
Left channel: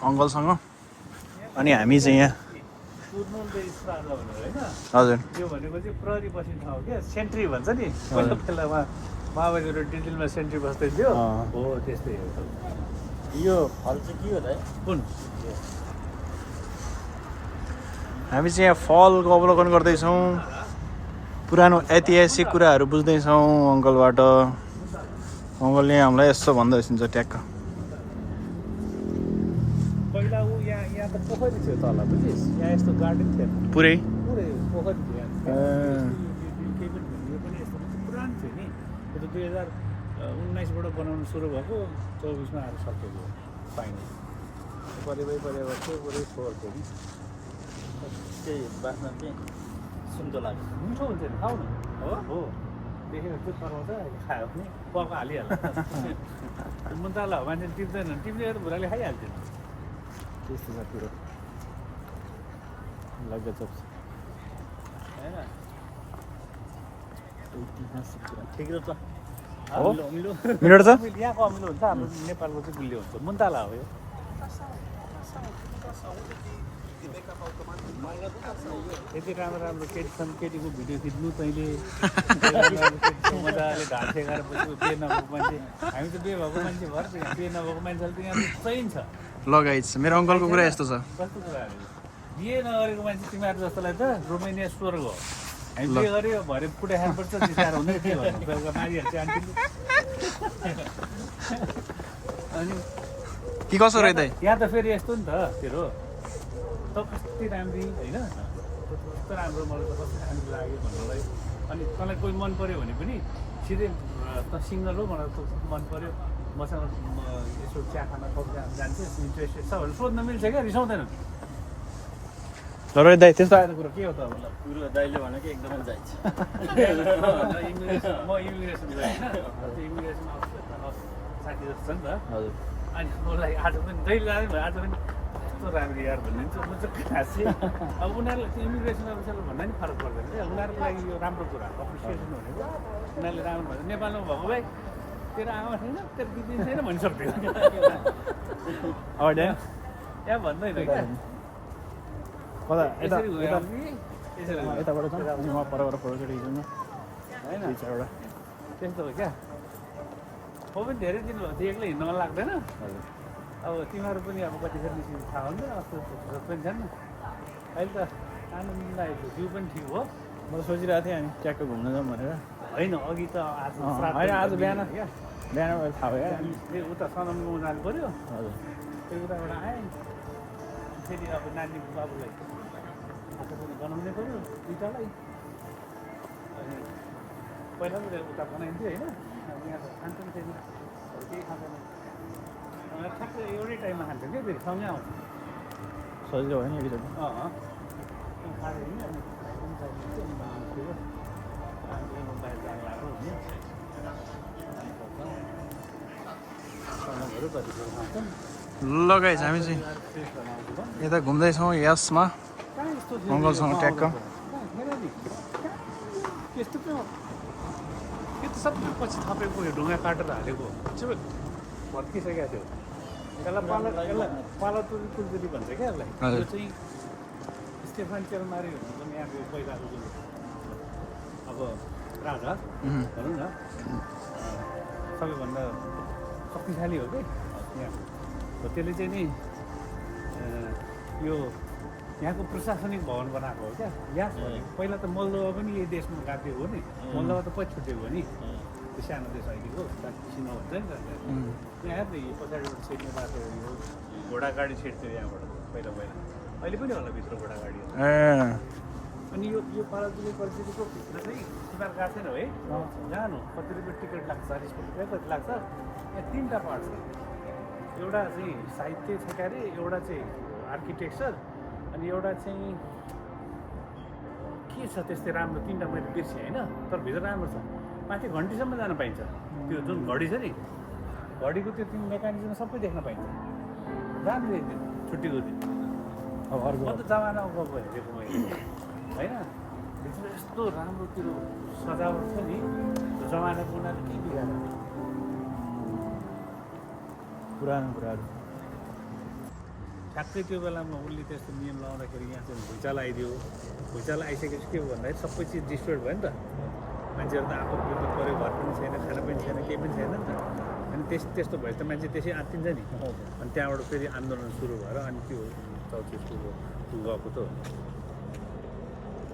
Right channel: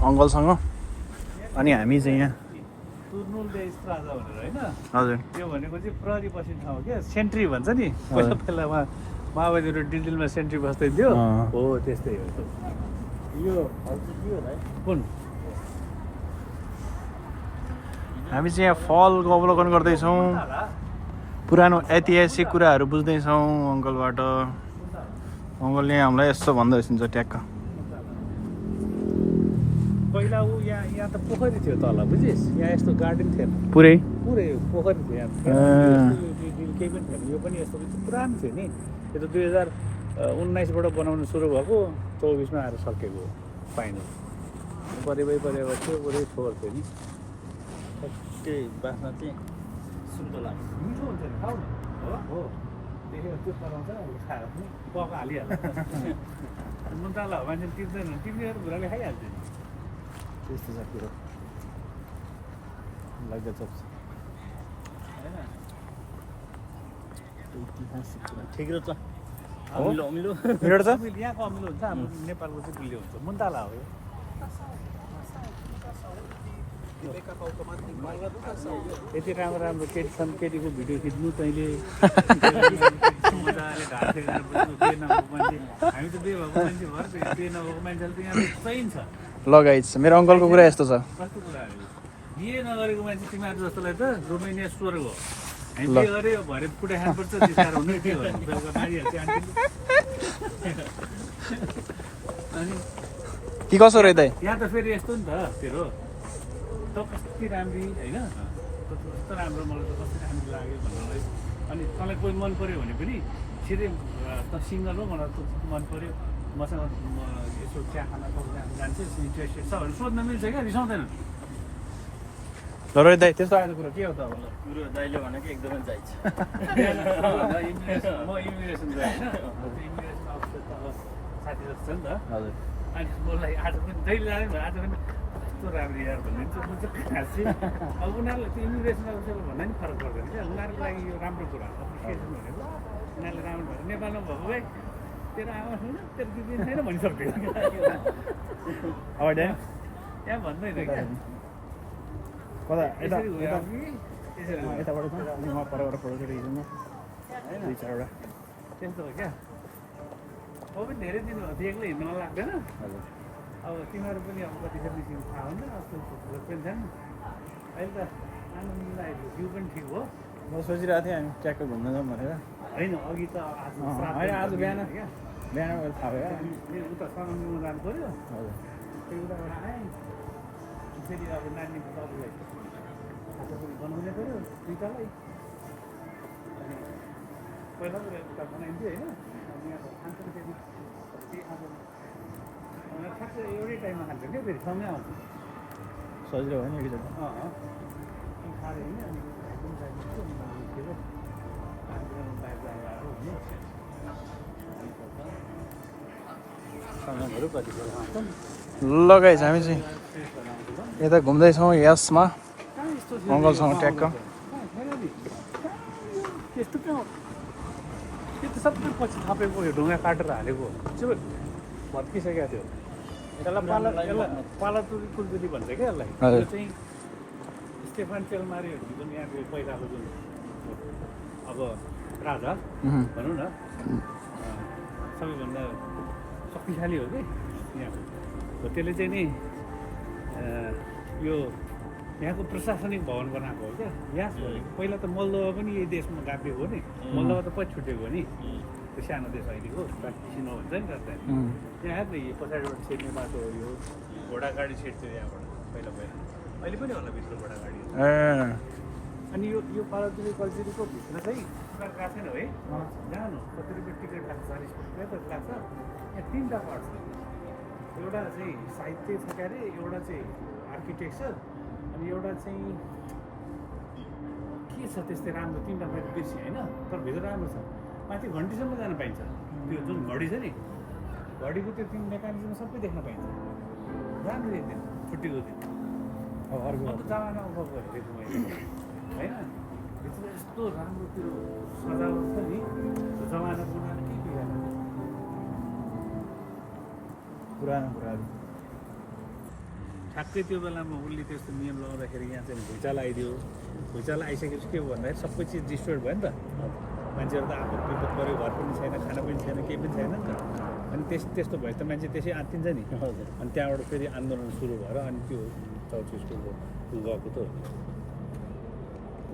अङ्कलसँग अनि हामी चाहिँ यहाँ हजुर यो भनेको चाहिँ प्रहरी बस्ने ठाउँ क्या सेन्ट्री भन्छ नि बेलामा माओवादीहरू डिल्लीमा सेन्ट्री बस्दै थियो हो त्यस्तै हो यो फल चाहिँ के हो त कुन हामी चाहिँ यहाँ फलको अवलोकन गर्दैछौँ पुरानो ऐतिहासिक कुराहरू बुझ्दैछौँ अङ्कलबाट अङ्कलले हामीलाई यसो भन्दै हुन्छ ट्याक्क पहिला ऊ यहाँ त पोखरी थियो तल बुझिस् यहाँ यस्तो गार्डन थिएन पुरै पुरै पोखरी थियो यहाँ केही पनि थिएन यो पनि यस्तो पुरानो थियो नि यो त 2019बाट बनाउनु सुरु भएको 24मा आएर सकेको हो पाइने परेबै थियो अरू छोर थियो नि त्यही बाँच्न चाहिँ सुन्तला मिठो हुन्छ नि खाऊ न हो देखेर त्यो कराउँछ अहिले खायो भने पका हालिहाल्छ मुन्टाला हो मान्छेले टिप्दैन टिप्नेहरू भुराले खाइहाल्छ नि त्यस्तो छ कुरो लग्गचप होइन ऐतिहासिक कुरा ठिक र त हो? अमिलो मिठो छ यहाँको अमिलो हुन्छ हाम्रो नेपालको चाहिँ गुलियो हुन्छ मुन्टाला हो यो यति राम्रो केटी छन् केटीको भिडियो खिच्नु तैँले मजाले ढाड फेकाएर बस्नु बे नभएको मान्छे हामी त बे भएको मान्छे भएर बे नभएको मान्छेले त यहाँ चाहिन्छ ल गाइस मेरो अङ्कलको कुरा यस्तो छ कस्तो कुराहरू बिहे नगरेको मान्छे तिमीहरू जस्तोलाई त रोमानिया स्वर्ग हो हामी बिहे गऱ्यो भरे पुरा खानुपर्छ त्यस्तो हुँदै के भन्नु मारिहाल्छ अनि कि कसो रह्यो त यहाँ त फेरि यस्तो नि त फेरि हो त कति राम्री होइन कस्तो राम्रो मलाई त कस्तो राम्रो लाग्यो भन्नलाई अनि तँलाई कोही मन पऱ्यो भने पनि सिधै त सिङ्गल हो मलाई त मन पऱ्यो मसँग यसो चिया खाना कफी खान जान्छ इन्ट्रेस्टेड छ भने सोध्न मिल्छ क्या रिसाउँदैन ल रोहित दाइ त्यस्तो आएको कुरा के हो त अब कुरो दाइले भनेको एकदमै जाइछ म इमिग्रेसन गएँ होइन इमिग्रेसन अफिसर त साथी जस्तो छ नि त हजुर अनि मलाई आज पनि जहिले जाने भने आज पनि कस्तो राम्रो यार भनिदिन्छ म चाहिँ खास चाहिँ अब उनीहरूलाई त्यो इमिग्रेसन अफिसरले भन्दा नि फरक पर्दैन क्या उनीहरूको लागि यो राम्रो कुरा अप्रिसिएसन भनेको उनीहरूले राम्रो भयो नेपालमा भएको भए तेरो आमा छैन तेरो दिदी छैन भनिसक्थ्यो अब त्यहाँ भन्दैन क्या कता यता यसरी यता यसरी यताबाट छ अनि म परबाट फोटोसोटो खिच्नु न होइन दुई चारवटा त्यस्तो हो क्या म पनि धेरै दिन भएको थियो एक्लै हिँड्न मन लाग्दैन हजुर अब तिमीहरू पनि अब कतिखेर निस्किनु थाहा हुँदैन अस्ति पनि छैन अहिले त आनन्द लागेको जिउ पनि ठिक हो म त सोचिरहेको थिएँ अनि ट्याक्क घुम्न जाउँ भनेर होइन अघि त आज होइन आज बिहान क्या बिहान मैले थाहा भयो फेरि उता सनमगाउँ जानु पऱ्यो हजुर फेरि उताबाट आएँ फेरि अब नानी बाबुलाई खाजा पनि बनाउनै पऱ्यो दुइटालाई अनि पहिला पनि उता बनाइन्थ्यो होइन अनि यहाँ त खान्छ नि फेरि अरू केही खाँदैन ठ्याक्कै एउटै टाइममा खान्छ क्या फेरि सँगै आउँछ सजिलो भयो नि एकचोटि अनि खाएर हिँड्यो अनि भाइ पनि चाहिन्छ अनि मलाई निस्केको अनि बाहिर आएको हुने कति बेला खान्छौँ ल गाइस हामी चाहिँ यता घुम्दैछौँ यसमा अङ्कलसँग ट्याक्क त्यस्तो त्यो सबै पछि थपेको ढुङ्गा काटेर हालेको भत्किसकेको थियो यसलाई पाला तुलकुली भन्छ क्या यसलाई हजुर। यो चाहिँ स्टेफन चेलमारी जुन यहाँको पहिलाको जुन अब राजा भनौँ न सबैभन्दा शक्तिशाली हो कि यहाँको हो त्यसले चाहिँ नि यो यहाँको प्रशासनिक भवन बनाएको हो क्या यास भनेको पहिला त मोल्दोभा पनि यही देशमा गाभिएको हो नि मोल्दोभा त पछि छुटेको हो नि त्यो सानो देश अहिलेको किसिनो भन्छ नि त यहाँ हेर्नु यो पछाडिबाट छिर्ने बाटो यो घोडागाडी छिर्थ्यो यहाँबाट पहिला अहिले पनि होला भित्र घोडागाडी अनि यो पाराजुलीको भित्र चाहिँ टिकट काट्दैन है जानु कति रुपियाँ टिकट लाग्छ 40 रुपियाँ कति लाग्छ यहाँ 3टा पार्ट छ एउटा चाहिँ साहित्य छ के अरे एउटा चाहिँ आर्किटेक्चर अनि एउटा चाहिँ के छ त्यस्तै राम्रो 3टा मैले बिर्सेँ होइन तर भित्र राम्रो छ माथि घन्टीसम्म जान पाइन्छ त्यो जुन घडी छ नि घडीको त्यो 3 मेकानिजम सबै देख्न पाइन्छ जानु एकदिन छुट्टीको दिन अब अर्को म त जमाना गएको हेरेको मैले होइन भित्र यस्तो राम्रो त्यो सजावट छ नि त्यो जमानाको उनीहरूले के बिगार्नु पुरानो कुराहरू ठ्याक्कै त्यो बेलामा उसले त्यस्तो नियम लगाउँदाखेरि यहाँ चाहिँ भुइँचालो आइदियो भुइँचालो आइसकेपछि के हो भन्दाखेरि सबै चिज डिस्ट्रोय भयो नि त मान्छेहरू त आपद विपद पऱ्यो घर पनि छैन खाना पनि छैन केही पनि छैन नि त अनि त्यस्तो भएपछि त मान्छे त्यसै आत्तिन्छ नि अनि त्यहाँबाट फेरि आन्दोलन सुरु भएर अनि त्यो चौचिसको गएको त हो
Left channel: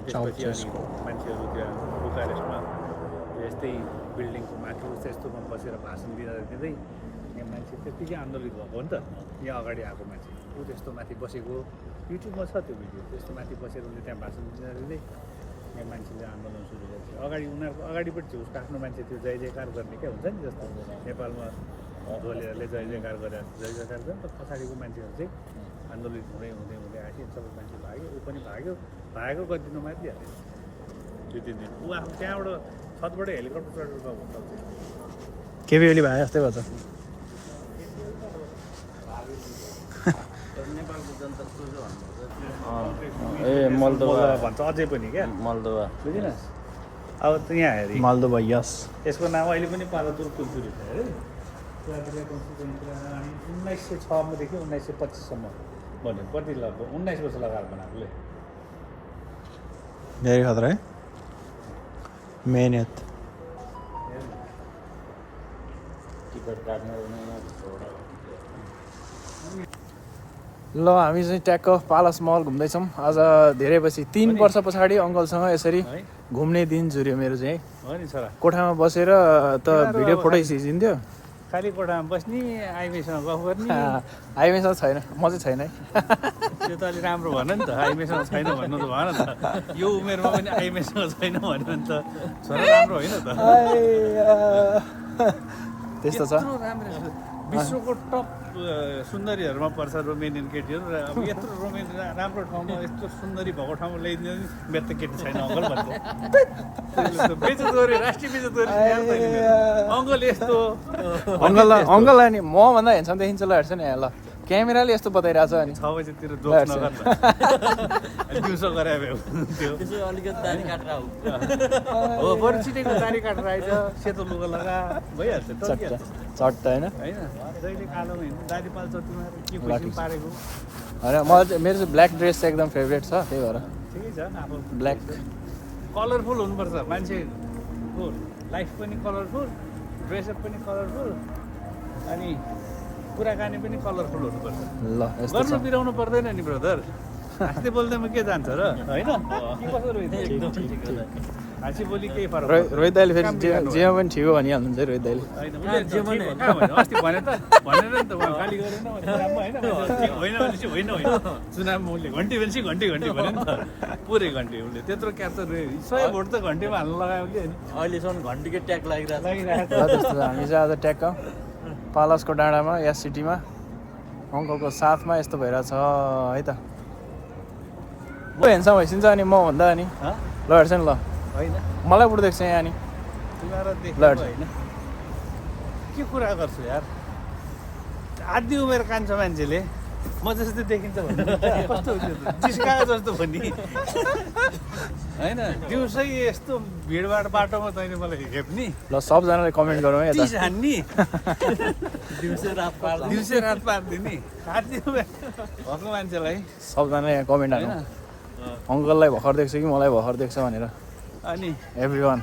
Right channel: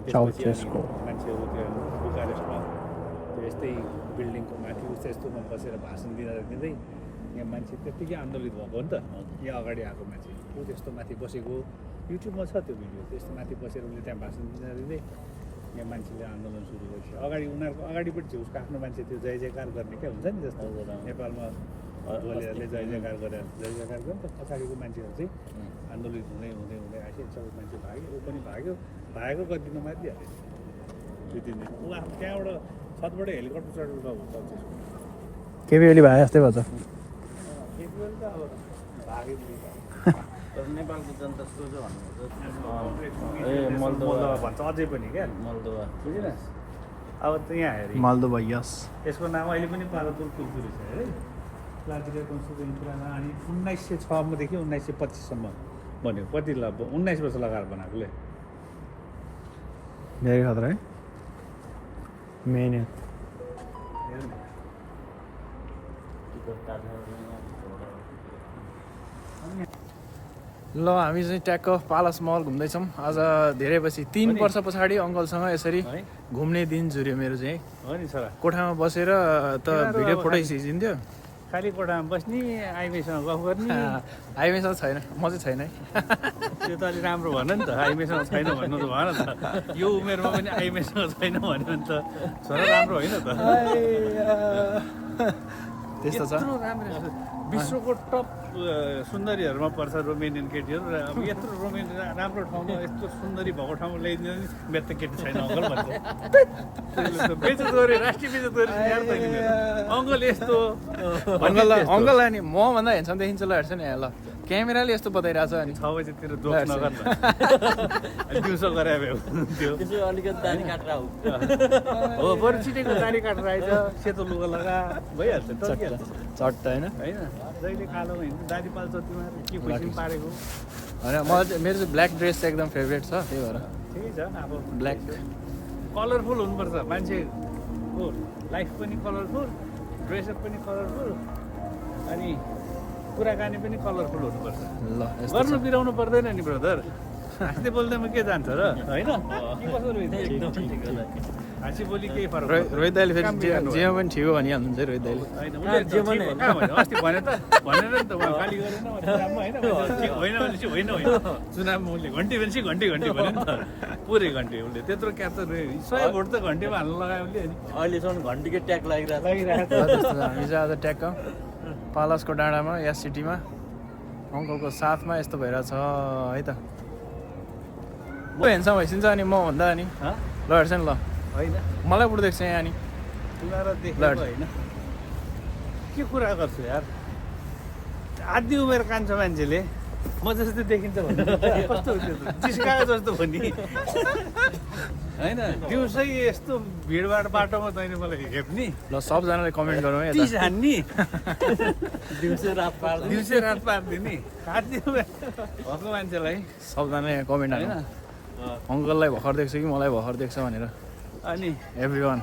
त्यसपछि अनि मान्छेहरू त्यहाँ बुकारेस्टमा त्यो यस्तै बिल्डिङको माथि उस्तो यस्तोमा बसेर भाषण दिँदै यहाँ मान्छे त्यत्तिकै आन्दोलित भएको हो नि त यहाँ अगाडि आएको मान्छे ऊ त्यस्तो माथि बसेको युट्युबमा छ त्यो भिडियो त्यस्तो माथि बसेर उसले त्यहाँ भाषण दिँदै यहाँ मान्छेले आन्दोलन सुरु गरेको अगाडि उनीहरूको अगाडिपट्टि चाहिँ उसको आफ्नो मान्छे त्यो जय जयकार गर्ने क्या हुन्छ नि जस्तो नेपालमा ढोलेहरूले जय जयकार गरेर जय जयकार गर्छ नि त पछाडिको मान्छेहरू चाहिँ आन्दोलित हुँदै हुँदै हुँदै आएको सबै मान्छे भाग्यो ऊ पनि भागेको कति दिनमा मारिदिइहाल्यो 2-3 दिन ऊ आफ्नो त्यहाँबाट छतबाट हेलिकप्टर चढेर गएको चौचिस केपी ओली भाइ जस्तै भन्छ नेपालको जनता सुरु भन्नुपर्छ ए मोल्दोभा भन्छ अझै पनि क्या मोल्दोभा बुझिनस् अब त यहाँ हेरे मोल्दोभा यस यसको नाम अहिले पनि पालातुर कुल्चुरी छ है क्लाक्रिया कन्स्टिट्युन्सी अनि 1906 देखि 1925 सम्म भन्यो कति 19 वर्ष लगाएर बनाएकोले धेरै खतरा है मेहनत ल हामी चाहिँ ट्याक्क पालास महल घुम्दैछौँ आज धेरै पछि 3 वर्ष पछाडि अङ्कलसँग यसरी घुम्ने दिन जुर्यो मेरो चाहिँ हो नि छोरा कोठामा बसेर त भिडियो फोटो खिचिन्थ्यो खाली कोठामा बस्ने आइमेसँग गफ गर्ने आइमेसँग छैन म चाहिँ छैन है त्यो त अलिक राम्रो भन नि त आइमेसँग छैन भन्नु त भन त यो उमेरमा पनि आइमेसँग छैन भन्यो भने त छोरा राम्रो होइन त त्यस्तो छ यत्रो राम्रो विश्वको टप सुन्दरीहरूमा पर्छ रोमेनियन केटीहरू र अब यत्रो राम्रो ठाउँमा यस्तो सुन्दरी भएको ठाउँमा ल्याइदिनु मेरो त केटी छैन अङ्कल भन्छ बेचतोरी राष्ट्रिय बेचतोरी अङ्कल यस्तो अङ्कललाई नि मभन्दा हेर्छ देखिन्छ ल हेर्छ नि ल क्यामेराले यस्तो बताइरहेको छ अनि 6 बजेतिर जोक नगर दिउँसो गरे अलिकति दारी काटेर हो बरु छिटेको दारी काटेर आइज सेतो लुगा लगा भइहाल्छ चट्ट होइन जहिले कालोमा हिँड्नु दारी पाल्छ तिमीहरू के खुसी पारेको होइन म मेरो चाहिँ ब्ल्याक ड्रेस चाहिँ एकदम फेभरेट छ त्यही भएर ठिकै छ अब ब्ल्याक कलरफुल हुनुपर्छ मान्छेको लाइफ पनि कलरफुल ड्रेसअप पनि कलरफुल अनि कुराकानी पनि कलरफुल हुनुपर्छ ल गर्नु बिराउनु पर्दैन नि ब्रदर हाँस्दै बोल्दैमा के जान्छ र होइन के कसो हाँसी बोली केही फरक रोहित दाइले फेरि जेमा पनि ठिक हो भनिहाल्नुहुन्छ रोहित दाइले अस्ति भने त भनेर नि त उहाँ गाली गरेन होइन होइन चुनावमा उसले घन्टी भनेपछि घन्टी भन्यो नि त पुरै घन्टी उसले त्यत्रो क्याप्चर 100 भोट त घन्टीमा हाल्नु लगायो उसले अनि अहिलेसम्म घन्टीकै ट्याग लागिरहेको त्यस्तो छ हामी चाहिँ आज ट्याक्क पालासको डाँडामा या सिटीमा अङ्कलको साथमा यस्तो भइरहेछ है त म हेर्छ भइसिन्छ अनि म भन्दा अनि ल हेर्छ नि ल होइन मलाई बुढो देख्छ यहाँ अनि तिमीहरू देख्नु होइन के कुरा गर्छु यार आधी उमेर कान्छ मान्छेले म जस्तो देखिन्छ भन्नु कस्तो जिस्काएको जस्तो भन्ने होइन दिउँसै यस्तो भिडभाड बाटोमा तैँले मलाई हेप्ने ल सबजनाले कमेन्ट गरौँ है यता हान्ने दिउँसो रात पारिदिने आधी उमेर भएको मान्छेलाई सबजना यहाँ कमेन्ट हाल्नु अङ्कललाई भर्खर देख्छु कि मलाई भर्खर देख्छ भनेर अनि एभ्री वान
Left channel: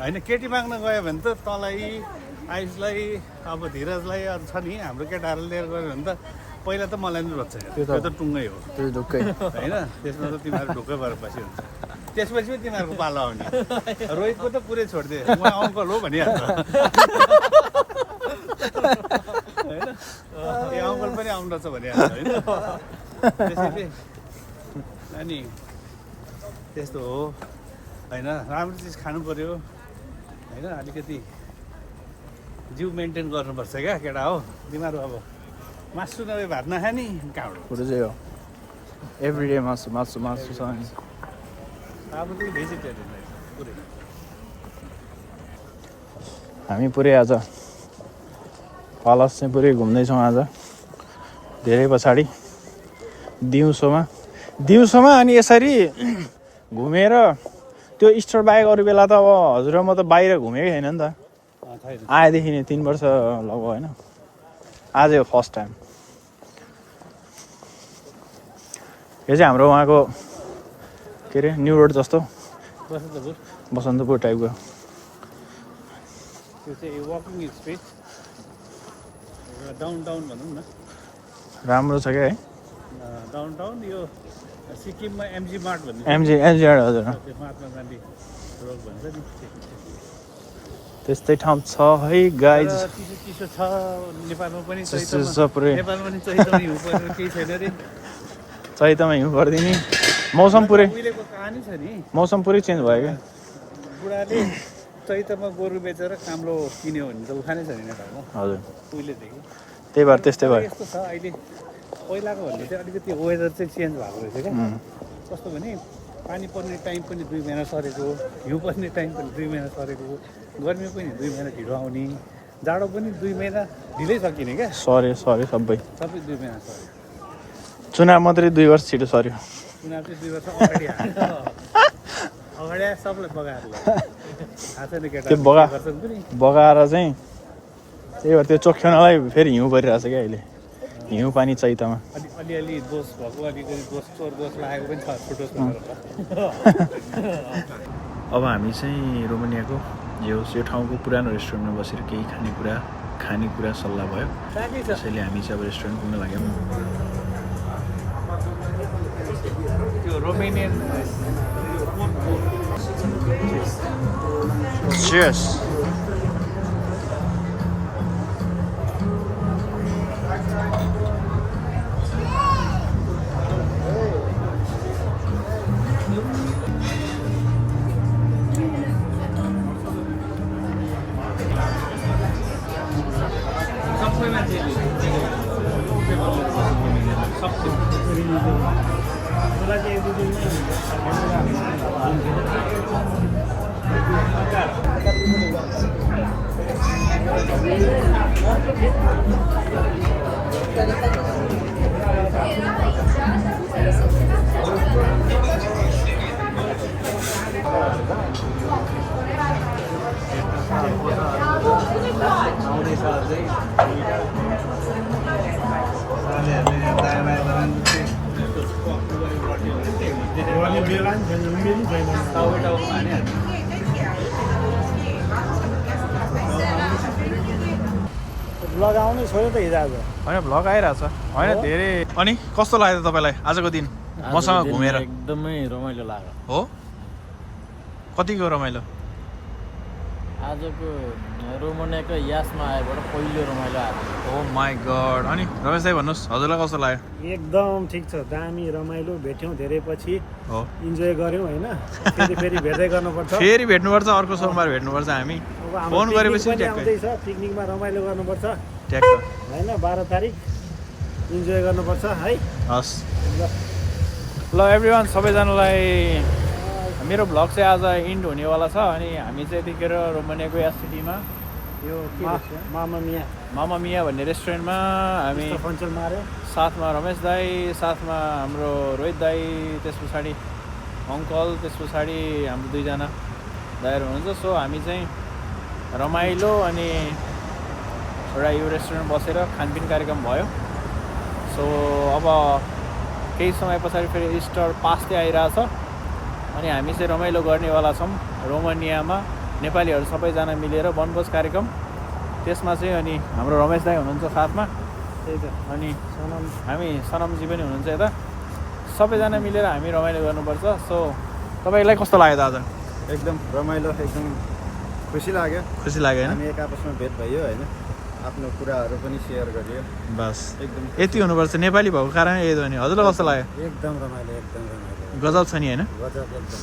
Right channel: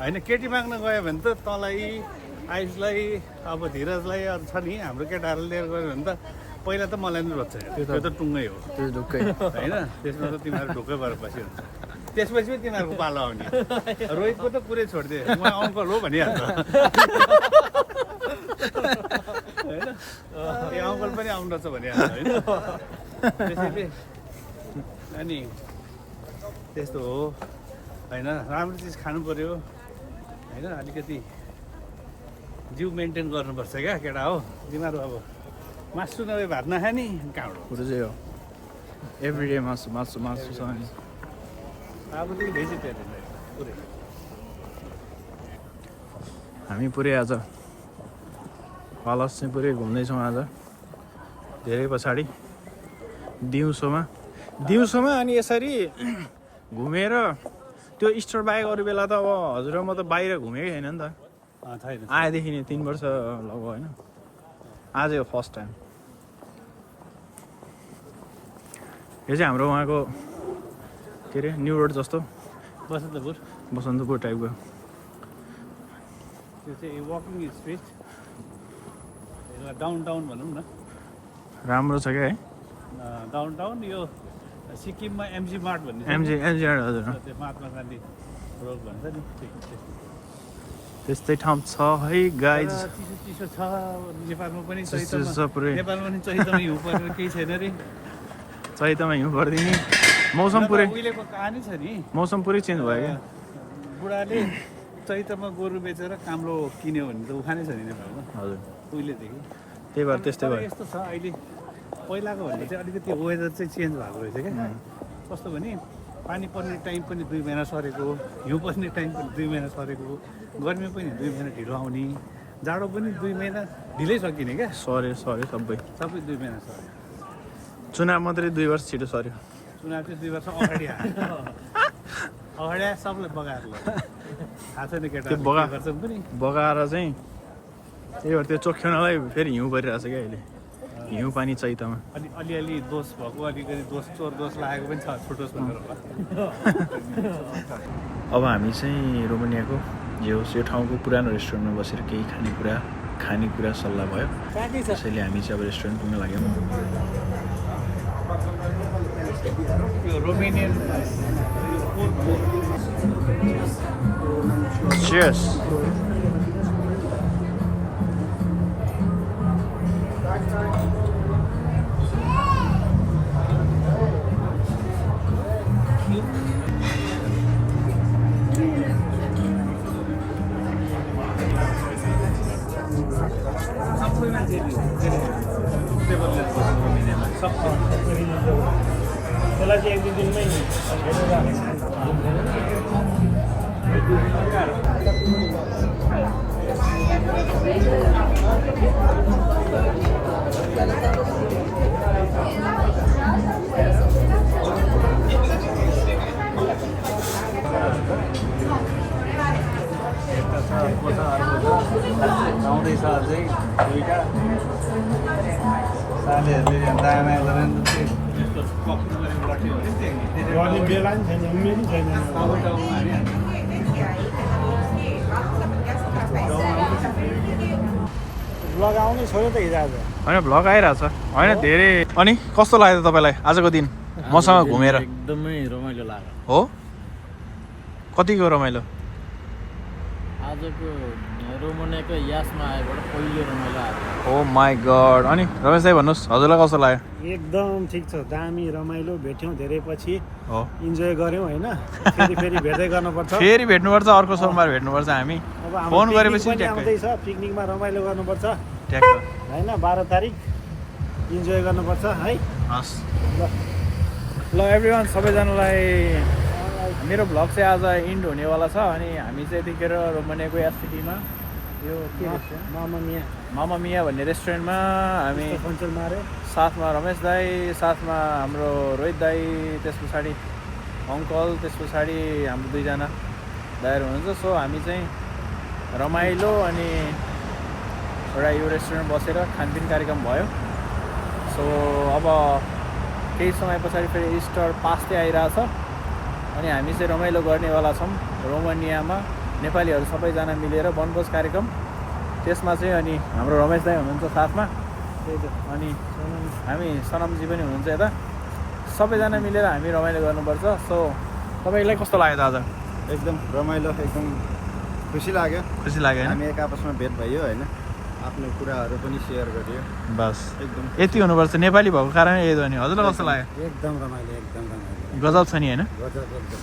होइन केटी माग्न गयो भने त तँलाई आयुषलाई अब धीरजलाई अरू छ नि हाम्रो केटाहरू लिएर गयो भने त पहिला त मलाई नै रोज्छ त्यो त टुङ्गै हो त्यो ढुक्कै होइन त्यसमा त तिमीहरू ढुक्कै भएर बसिरहन्छ त्यसपछि पनि तिमीहरूको पालो आउने रोहितको त पुरै छोडिदिए म अङ्कल हो भनिहाल्छ होइन ए अङ्कल पनि आउनु रहेछ भनिहाल्छ होइन त्यसैले अनि त्यस्तो हो होइन राम्रो चिज खानु पऱ्यो होइन अलिकति जिउ मेन्टेन गर्नुपर्छ क्या केटा हो तिमीहरू अब मासु नभए भात नखाने कहाँबाट कुरो चाहिँ हो एभ्रिडे मासु मासु मासु छ अनि अब चाहिँ भेजिटेरियन रहेछ पुरै हामी पुरै आज पालस चाहिँ पुरै घुम्दैछौँ आज धेरै पछाडि दिउँसोमा अनि यसरी घुमेर त्यो स्टोर बाहेक अरू बेला त अब हजुर म त बाहिर घुमेकै छैन नि त छैन आएदेखि नै 3 वर्ष लगभग होइन आज हो फर्स्ट टाइम यो चाहिँ हाम्रो उहाँको के अरे न्यु रोड जस्तो बसन्तपुर टाइपको त्यो चाहिँ वकिङ स्पेस डाउन टाउन भनौँ न राम्रो छ क्या है डाउन टाउन यो सिक्किममा एमजी मार्ट भन्ने एमजी हजुर त्यो महात्मा गान्धी रोड भन्छ नि त्यस्तै ठाउँ छ है गाइज चिसो छ नेपालमा पनि पुरै नेपालमा पनि चैतमा हिउँ परेर केही छैन रे चैतमा हिउँ गरिदिने मौसम पुरै उहिलेको कहानी छ नि मौसम पुरै चेन्ज भयो क्या बुढाले चैतमा गोरु बेचेर काम्रो किन्यो भने त उखानै छ नि नेपालमा हजुर उहिलेदेखि त्यही भएर त्यस्तै भयो यस्तो छ अहिले पहिलाको भन्दा चाहिँ अलिकति वेदर चाहिँ चेन्ज भएको रहेछ क्या कस्तो भने पानी पर्ने टाइम पनि 2 महिना सरेको हिउँ पर्ने टाइम पनि 2 महिना सरेको गर्मी पनि 2 महिना ढिलो आउने जाडो पनि 2 महिना ढिलै सकिने क्या सरी सबै 2 महिना सरे चुनाव मात्रै 2 वर्ष छिटो सर्यो चुनाव चाहिँ 2 वर्ष अगाडि आयो अगाडि आयो सबलाई बगाएर ल थाहा छैन केटा त्यो बगाएर चाहिँ त्यही भएर त्यो चोख्याउनलाई फेरि हिउँ परिरहेछ क्या अहिले हिउँ पानी चैतमा अलिअलि दोष भएको अलिकति चोर दोष लागेको पनि छ छुटोस् भनेर होला अब हामी चाहिँ रोमानियाको जे होस् यो ठाउँको पुरानो रेस्टुरेन्टमा बसेर केही खानेकुरा सल्लाह भयो त्यसैले हामी चाहिँ अब रेस्टुरेन्ट पुग्न लाग्यौँ यो रोमेनियन Cheers. लगाउने छोड्यो त हिजो आज होइन भ्लग आइरहेछ होइन धेरै अनि कस्तो लाग्यो तपाईँलाई आजको दिन मसँग घुमेर एकदमै रमाइलो लाग्यो हो कतिको रमाइलो आजको रोमानियाको यासमा आएबाट पहिलो रमाइलो आएको ओ माई गड अनि रमेश दाइ भन्नुहोस् हजुरलाई कस्तो लाग्यो एकदम ठिक छ दामी रमाइलो भेट्यौँ धेरै पछि हो इन्जोय गऱ्यौँ होइन फेरि भेट्दै गर्नुपर्छ फेरि भेट्नुपर्छ अर्को सोमबार भेट्नुपर्छ हामी अब हाम्रो फोन गरेपछि पिकनिक पनि ट्याक्कै आउँदैछ पिकनिकमा रमाइलो गर्नुपर्छ ट्याक्क होइन 12 तारिक इन्जोय गर्नुपर्छ है हस् ल ल एभ्रिवान सबैजनालाई मेरो भ्लग चाहिँ आज इन्ड हुनेवाला छ अनि हामी चाहिँ यतिखेर रोमानियाको या सिटीमा यो के मामा मिया भन्ने रेस्टुरेन्टमा हामी फन्चल मारे साथमा रमेश दाई साथमा हाम्रो रोहित दाई त्यस पछाडि अङ्कल त्यस पछाडि हाम्रो 2 जना दाइहरू हुनुहुन्छ सो हामी चाहिँ रमाइलो अनि एउटा यो रेस्टुरेन्ट बसेर खानपिन कार्यक्रम भयो सो अब केही समय पछाडि फेरि इस्टर पास्दै आइरहेछ अनि हामी चाहिँ रमाइलो गर्नेवाला छौँ रोमानियामा नेपालीहरू सबैजना मिलेर वनभोज कार्यक्रम त्यसमा चाहिँ अनि हाम्रो रमेश दाई हुनुहुन्छ साथमा त्यही त अनि सनम हामी सनमजी पनि हुनुहुन्छ यता सबैजना मिलेर हामी रमाइलो गर्नुपर्छ सो तपाईँलाई कस्तो लाग्यो त आज एकदम रमाइलो एकदम खुसी लाग्यो खुसी लाग्यो होइन हामी एक आपसमा भेट भयो होइन आफ्नो कुराहरू पनि सेयर गरियो बस एकदम यति हुनुपर्छ नेपाली भएको कारण यही हो नि हजुरलाई कस्तो लाग्यो एकदम रमाइलो गजब छ नि होइन गजब एकदम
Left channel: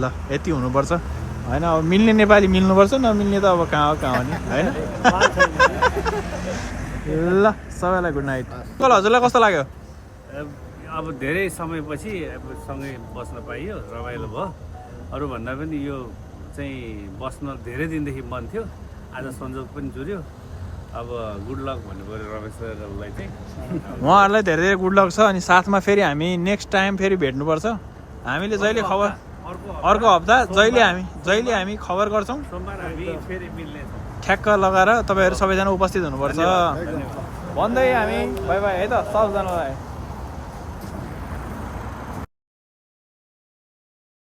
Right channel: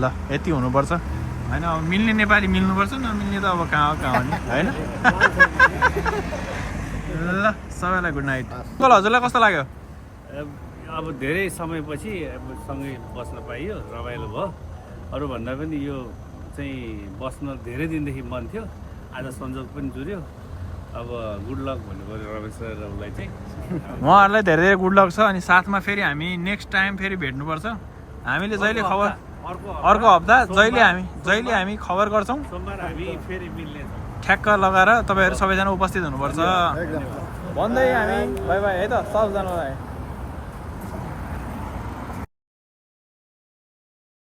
ल यति हुनुपर्छ होइन अब मिल्ने नेपाली मिल्नुपर्छ नमिल्ने त अब कहाँ हो नि होइन ल सबैलाई गुड नाइट कल हजुरलाई कस्तो लाग्यो अब धेरै समयपछि अब सँगै बस्न पाइयो रमाइलो भयो अरूभन्दा पनि यो चाहिँ बस्न धेरै दिनदेखि मन थियो आज संजोग पनि जुर्यो अब गुड लक भन्नु पऱ्यो रमेश सर र उसलाई चाहिँ उहाँहरूलाई धेरै धेरै गुड लक छ अनि साथमा फेरि हामी नेक्स्ट टाइम फेरि भेट्नुपर्छ हामीले जहिले खबर अर्को हप्ता जहिले हामी खबर गर्छौँ सोमबार हामी फेरि मिल्नेछौँ ठ्याक्क लगाएर तपाईँहरू सबैजना उपस्थित हुनुपर्छ भन्दै हामी बाई बाई है त सबजनालाई